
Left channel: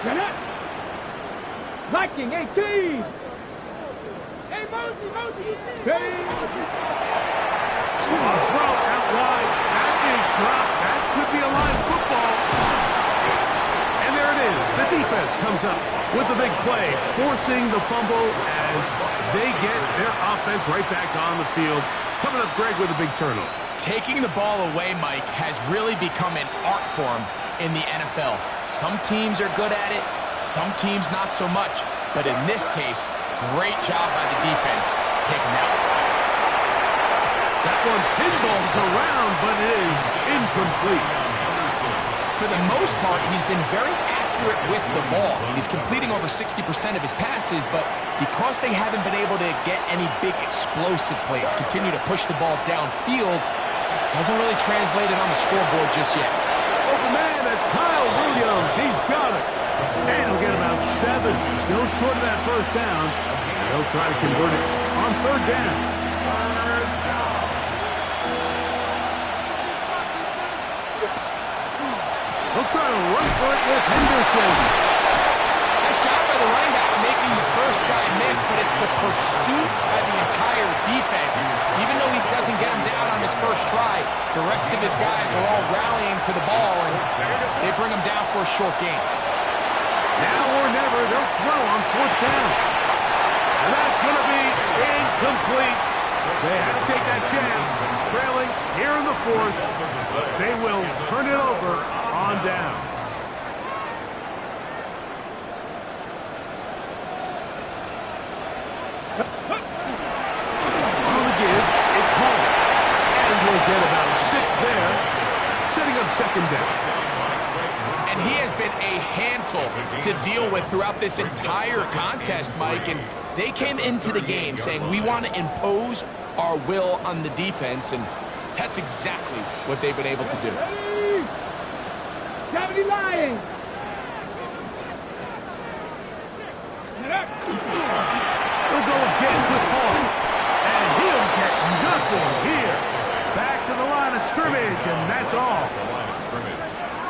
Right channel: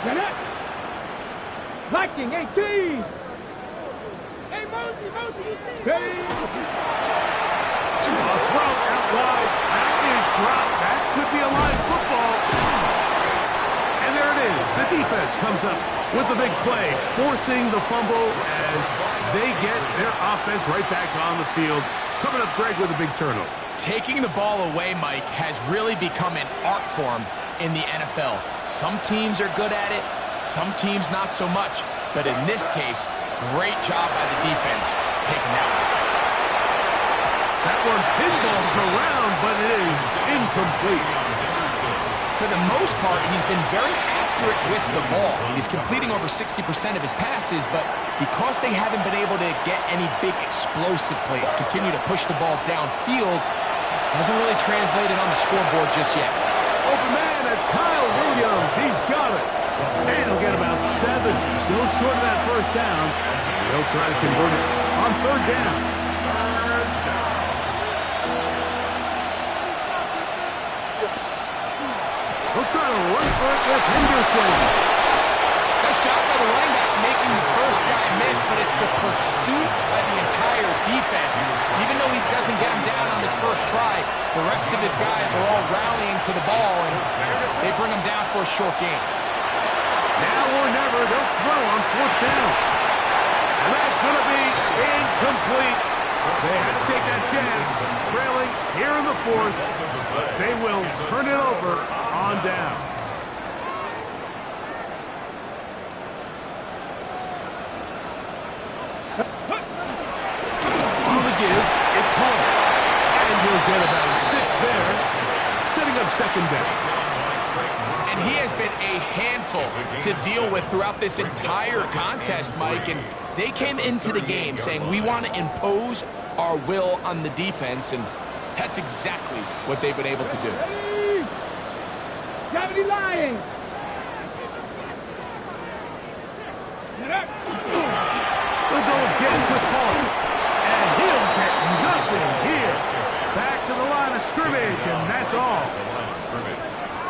Get it. Viking 18. Hey, Mosey, you see? Hey. A throw out wide. That is dropped. That could be a line football. And there it is. The defense comes up with the big play, forcing the fumble as they get their offense right back on the field. Coming up, Greg, with a big turnover. Taking the ball away, Mike, has really become an art form in the NFL. Some teams are good at it, some teams not so much. But in this case, great job by the defense taking that one. That one pinballs around, but it is incomplete. For the most part, he's been very accurate with the ball. He's completing over 60% of his passes, but because they haven't been able to get any big explosive plays, continue to push the ball downfield, hasn't really translated on the scoreboard just yet. Open man, that's Kyle Williams, he's got it. And he'll get about 7. Still short of that first down. And they'll try to convert it on third down. He'll try to run for it with Henderson. Nice job by the running back making the first guy miss, but it's the pursuit by the entire defense. Even though he doesn't get him down on his first try, the rest of his guys are all rallying to the ball, and they bring him down for a short gain. Now or never, they'll throw on fourth down. And that's going to be incomplete. They had to take that chance, trailing here in the fourth, but they will turn it over on down. On the give, it's Hall. And he'll get about 6 there, setting up second down. And he has been a handful to deal with throughout this entire contest, Mike. And they came into the game saying, we want to impose our will on the defense, and that's exactly what they've been able to do. Cavity lying. We'll go again with Hall. And he'll get nothing here. Back to the line of scrimmage, and that's all.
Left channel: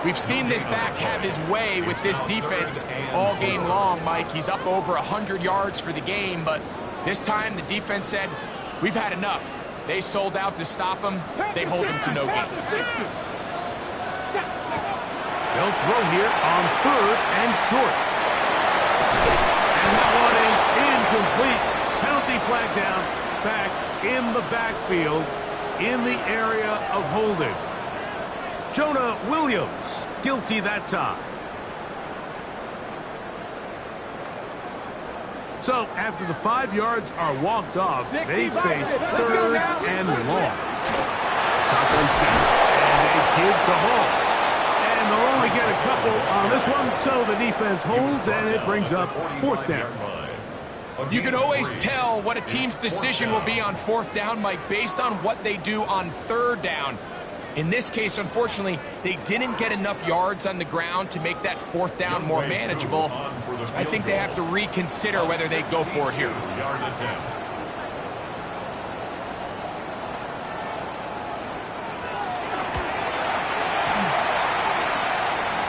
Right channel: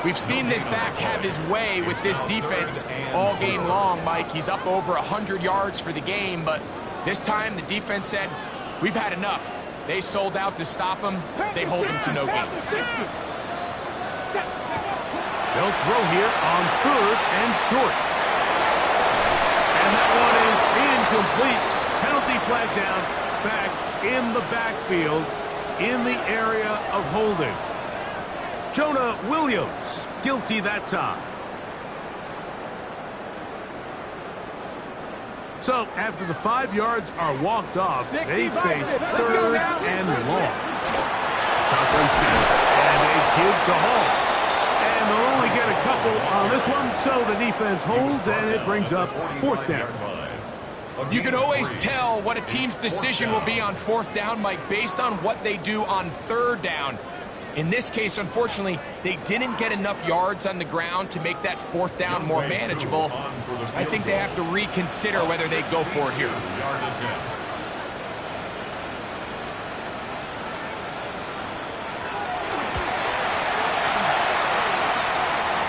We've seen this back have his way with this defense all game long, Mike. He's up over 100 yards for the game, but this time the defense said, we've had enough. They sold out to stop him. They hold him to no gain. They'll throw here on third and short. And that one is incomplete. Penalty flag down, back in the backfield, in the area of holding. Jonah Williams, guilty that time. So, after the 5 yards are walked off, they face third and long. Shotgun snap, and a give to Hall. And they'll only get a couple on this one, so the defense holds, and it brings up fourth down. You can always tell what a team's decision will be on fourth down, Mike, based on what they do on third down. In this case, unfortunately, they didn't get enough yards on the ground to make that fourth down more manageable. I think they have to reconsider whether they go for it here.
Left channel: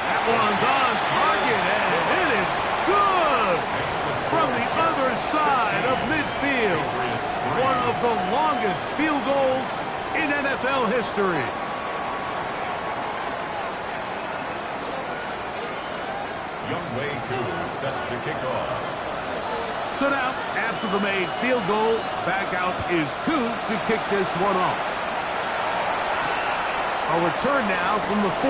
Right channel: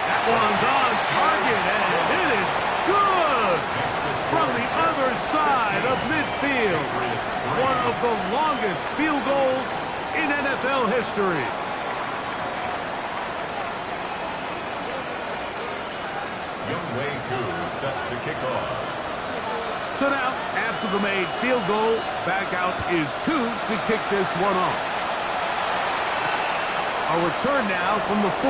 That one's on target, and it is good from the other side of midfield. One of the longest field goals in NFL history. Young Wei Koo set to kick off. So now, after the made field goal, back out is Koo to kick this one off. A return now from the 4.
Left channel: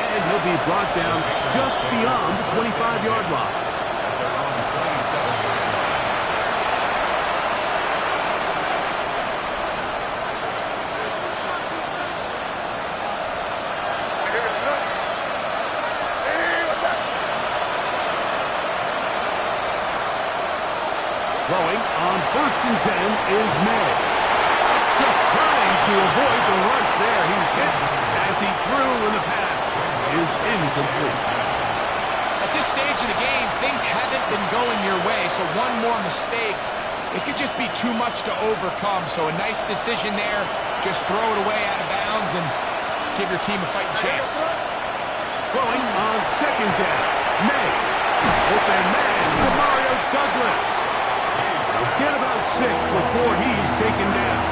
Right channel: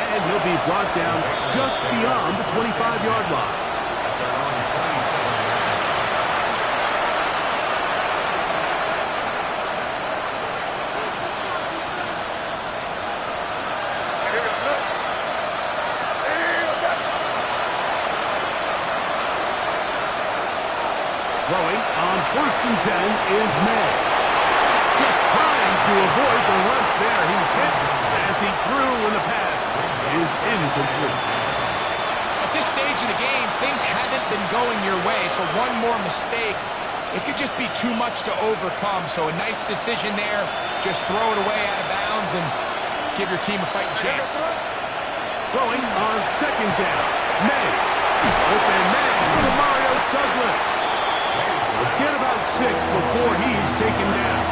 And he'll be brought down just beyond the 25-yard line. At their own 27-yard line. Throwing on 1st and 10 is May. Just trying to avoid the rush there. He's hit as he threw, and the pass is incomplete. At this stage of the game, things haven't been going your way, so one more mistake, it could just be too much to overcome. So a nice decision there. Just throw it away out of bounds and give your team a fighting chance. Throwing on 2nd down. May. Open man to Mario Douglas. Get about 6 before he's taken down.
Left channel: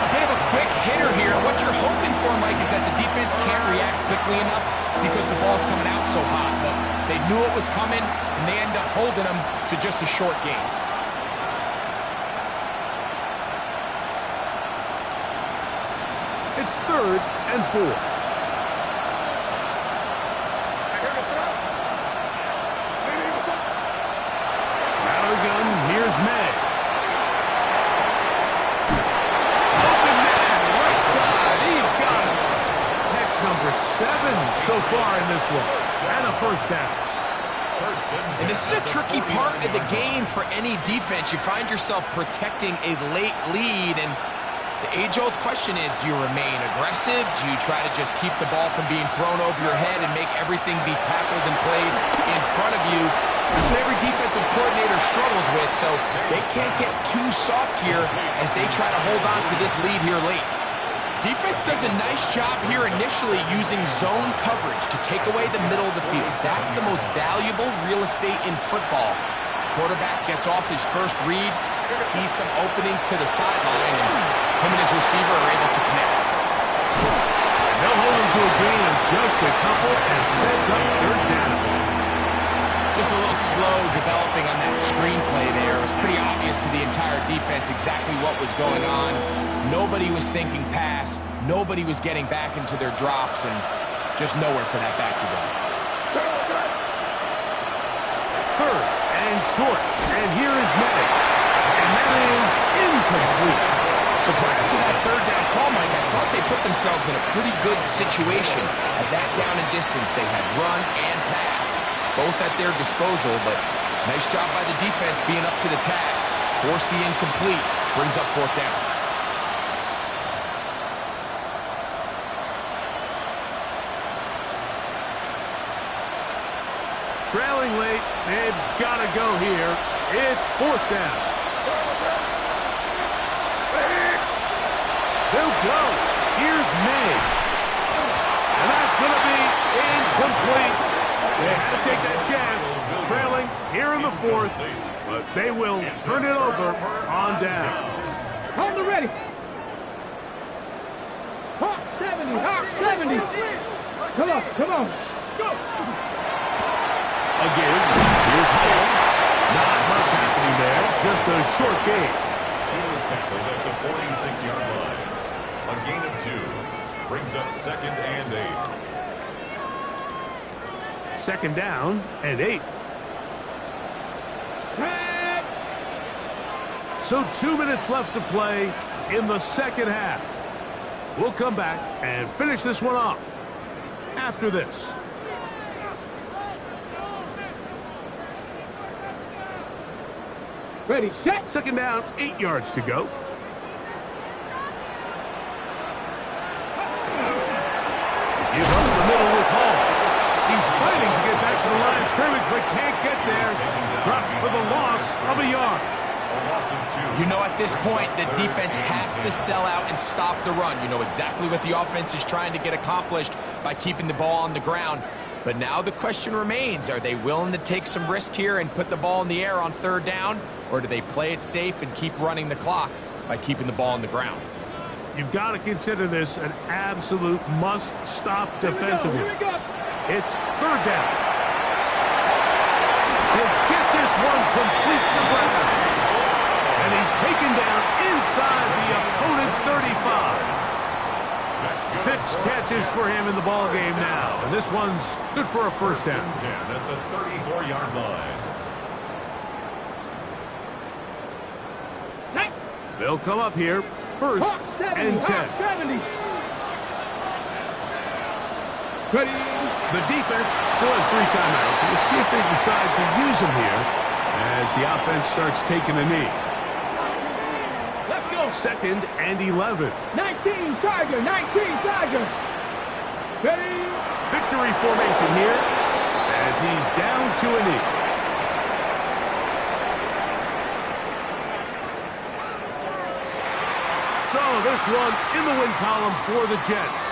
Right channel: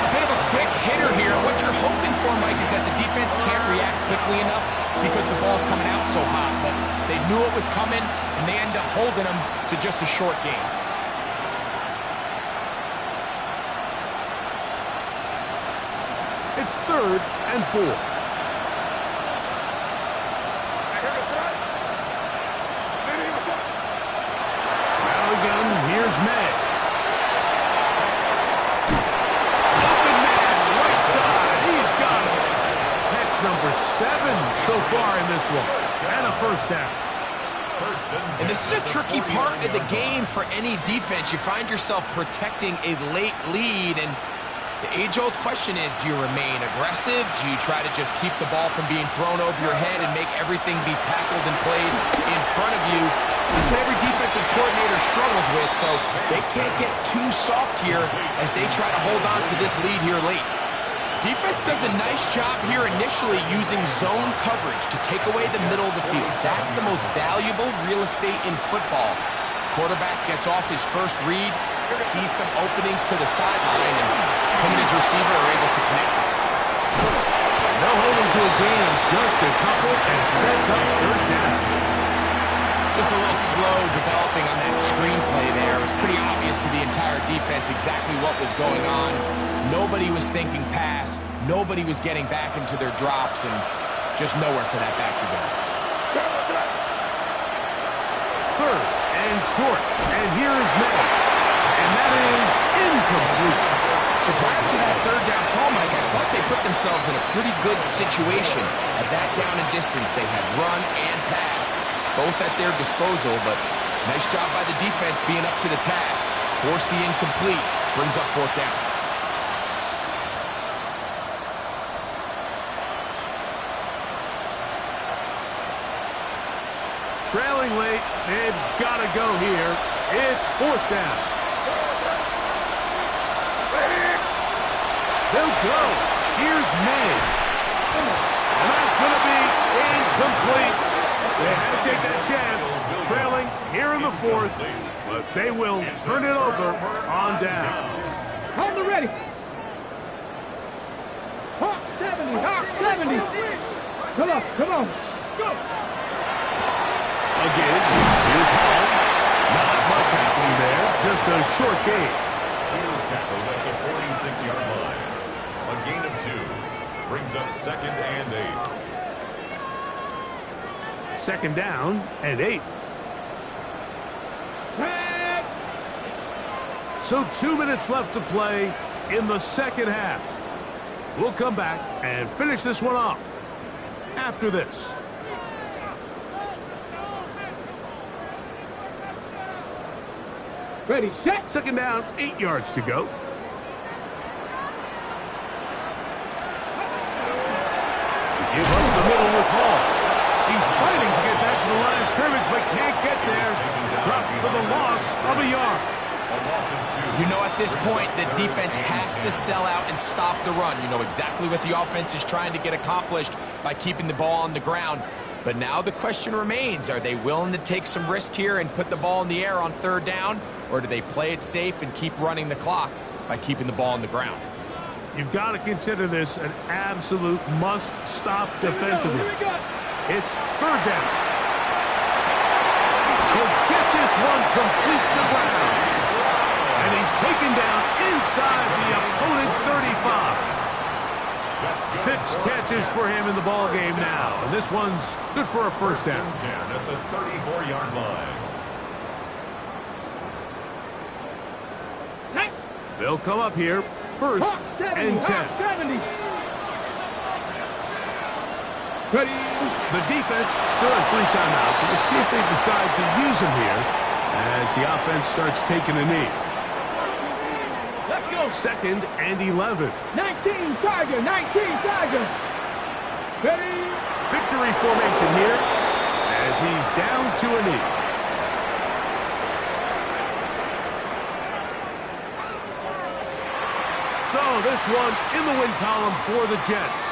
A bit of a quick hitter here. What you're hoping for, Mike, is that the defense can't react quickly enough because the ball's coming out so hot. But they knew it was coming, and they end up holding them to just a short gain. It's 3rd and 4. Gun, here's May. Open man, right side, he's got him. Catch number 7 so far in this one, and a first down. And this is a tricky part of the game for any defense. You find yourself protecting a late lead, and The age-old question is, do you remain aggressive? Do you try to just keep the ball from being thrown over your head and make everything be tackled and played in front of you? That's what every defensive coordinator struggles with, so they can't get too soft here as they try to hold on to this lead here late. Defense does a nice job here initially using zone coverage to take away the middle of the field. That's the most valuable real estate in football. Quarterback gets off his first read, sees some openings to the sideline, and him and his receiver are able to connect. And they'll hold him to a gain of just a couple and sets up third down. Just a little slow developing on that screenplay there. It was pretty obvious to the entire defense exactly what was going on. Nobody was thinking pass. Nobody was getting back into their drops, and just nowhere for that back to go. Third and short, and here is Ne. And that is incomplete. So prior to that third down call, Mike, I thought they put themselves in a pretty good situation. At that down and distance, they had run and pass, both at their disposal, but nice job by the defense being up to the task. Force the incomplete, brings up fourth down. Trailing late, they've got to go here. It's fourth down. They'll go. Here's Ne. And that's going to be incomplete. They had to take that chance, trailing here in the fourth, but they will turn it over on down. Hold the ready. Hawk 70, Hawk 70. Come on, come on. Go. Again, here's Hall. Not much happening there, just a short gain. He was tackled at the 46-yard line. A gain of 2 brings up second and 8. Second down and 8. So 2 minutes left to play in the second half. We'll come back and finish this one off after this. Ready, set. Second down, 8 yards to go. Give up the middle with Hall. He's fighting to get back to the line of scrimmage, but can't get there. Dropped for the loss of a yard. A loss of 2. You know, at this point, the defense has to sell out and stop the run. You know exactly what the offense is trying to get accomplished by keeping the ball on the ground. But now the question remains, are they willing to take some risk here and put the ball in the air on third down? Or do they play it safe and keep running the clock by keeping the ball on the ground? You've got to consider this an absolute must-stop defensively. Here we go. It's third down. He'll get this one complete to Brown. And he's taken down inside the opponent's 35. 6 catches for him in the ball game now. And this one's good for a first down. 10 at the 34-yard line. They'll come up here. First and 10. Ready. The defense still has 3 timeouts. We'll see if they decide to use them here as the offense starts taking a knee. Let's go. Second and 11. 19 Tiger, 19 Tiger. Ready. Victory formation here as he's down to a knee. So this one in the win column for the Jets.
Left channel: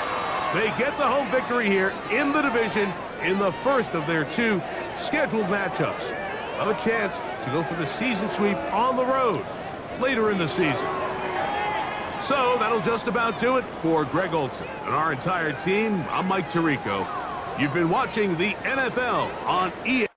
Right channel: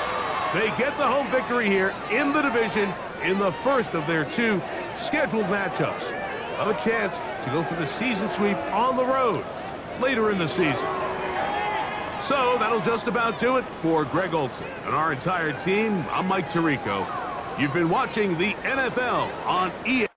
They get the home victory here in the division in the first of their 2 scheduled matchups. A chance to go for the season sweep on the road later in the season. So that'll just about do it for Greg Olson and our entire team. I'm Mike Tirico. You've been watching the NFL on EA.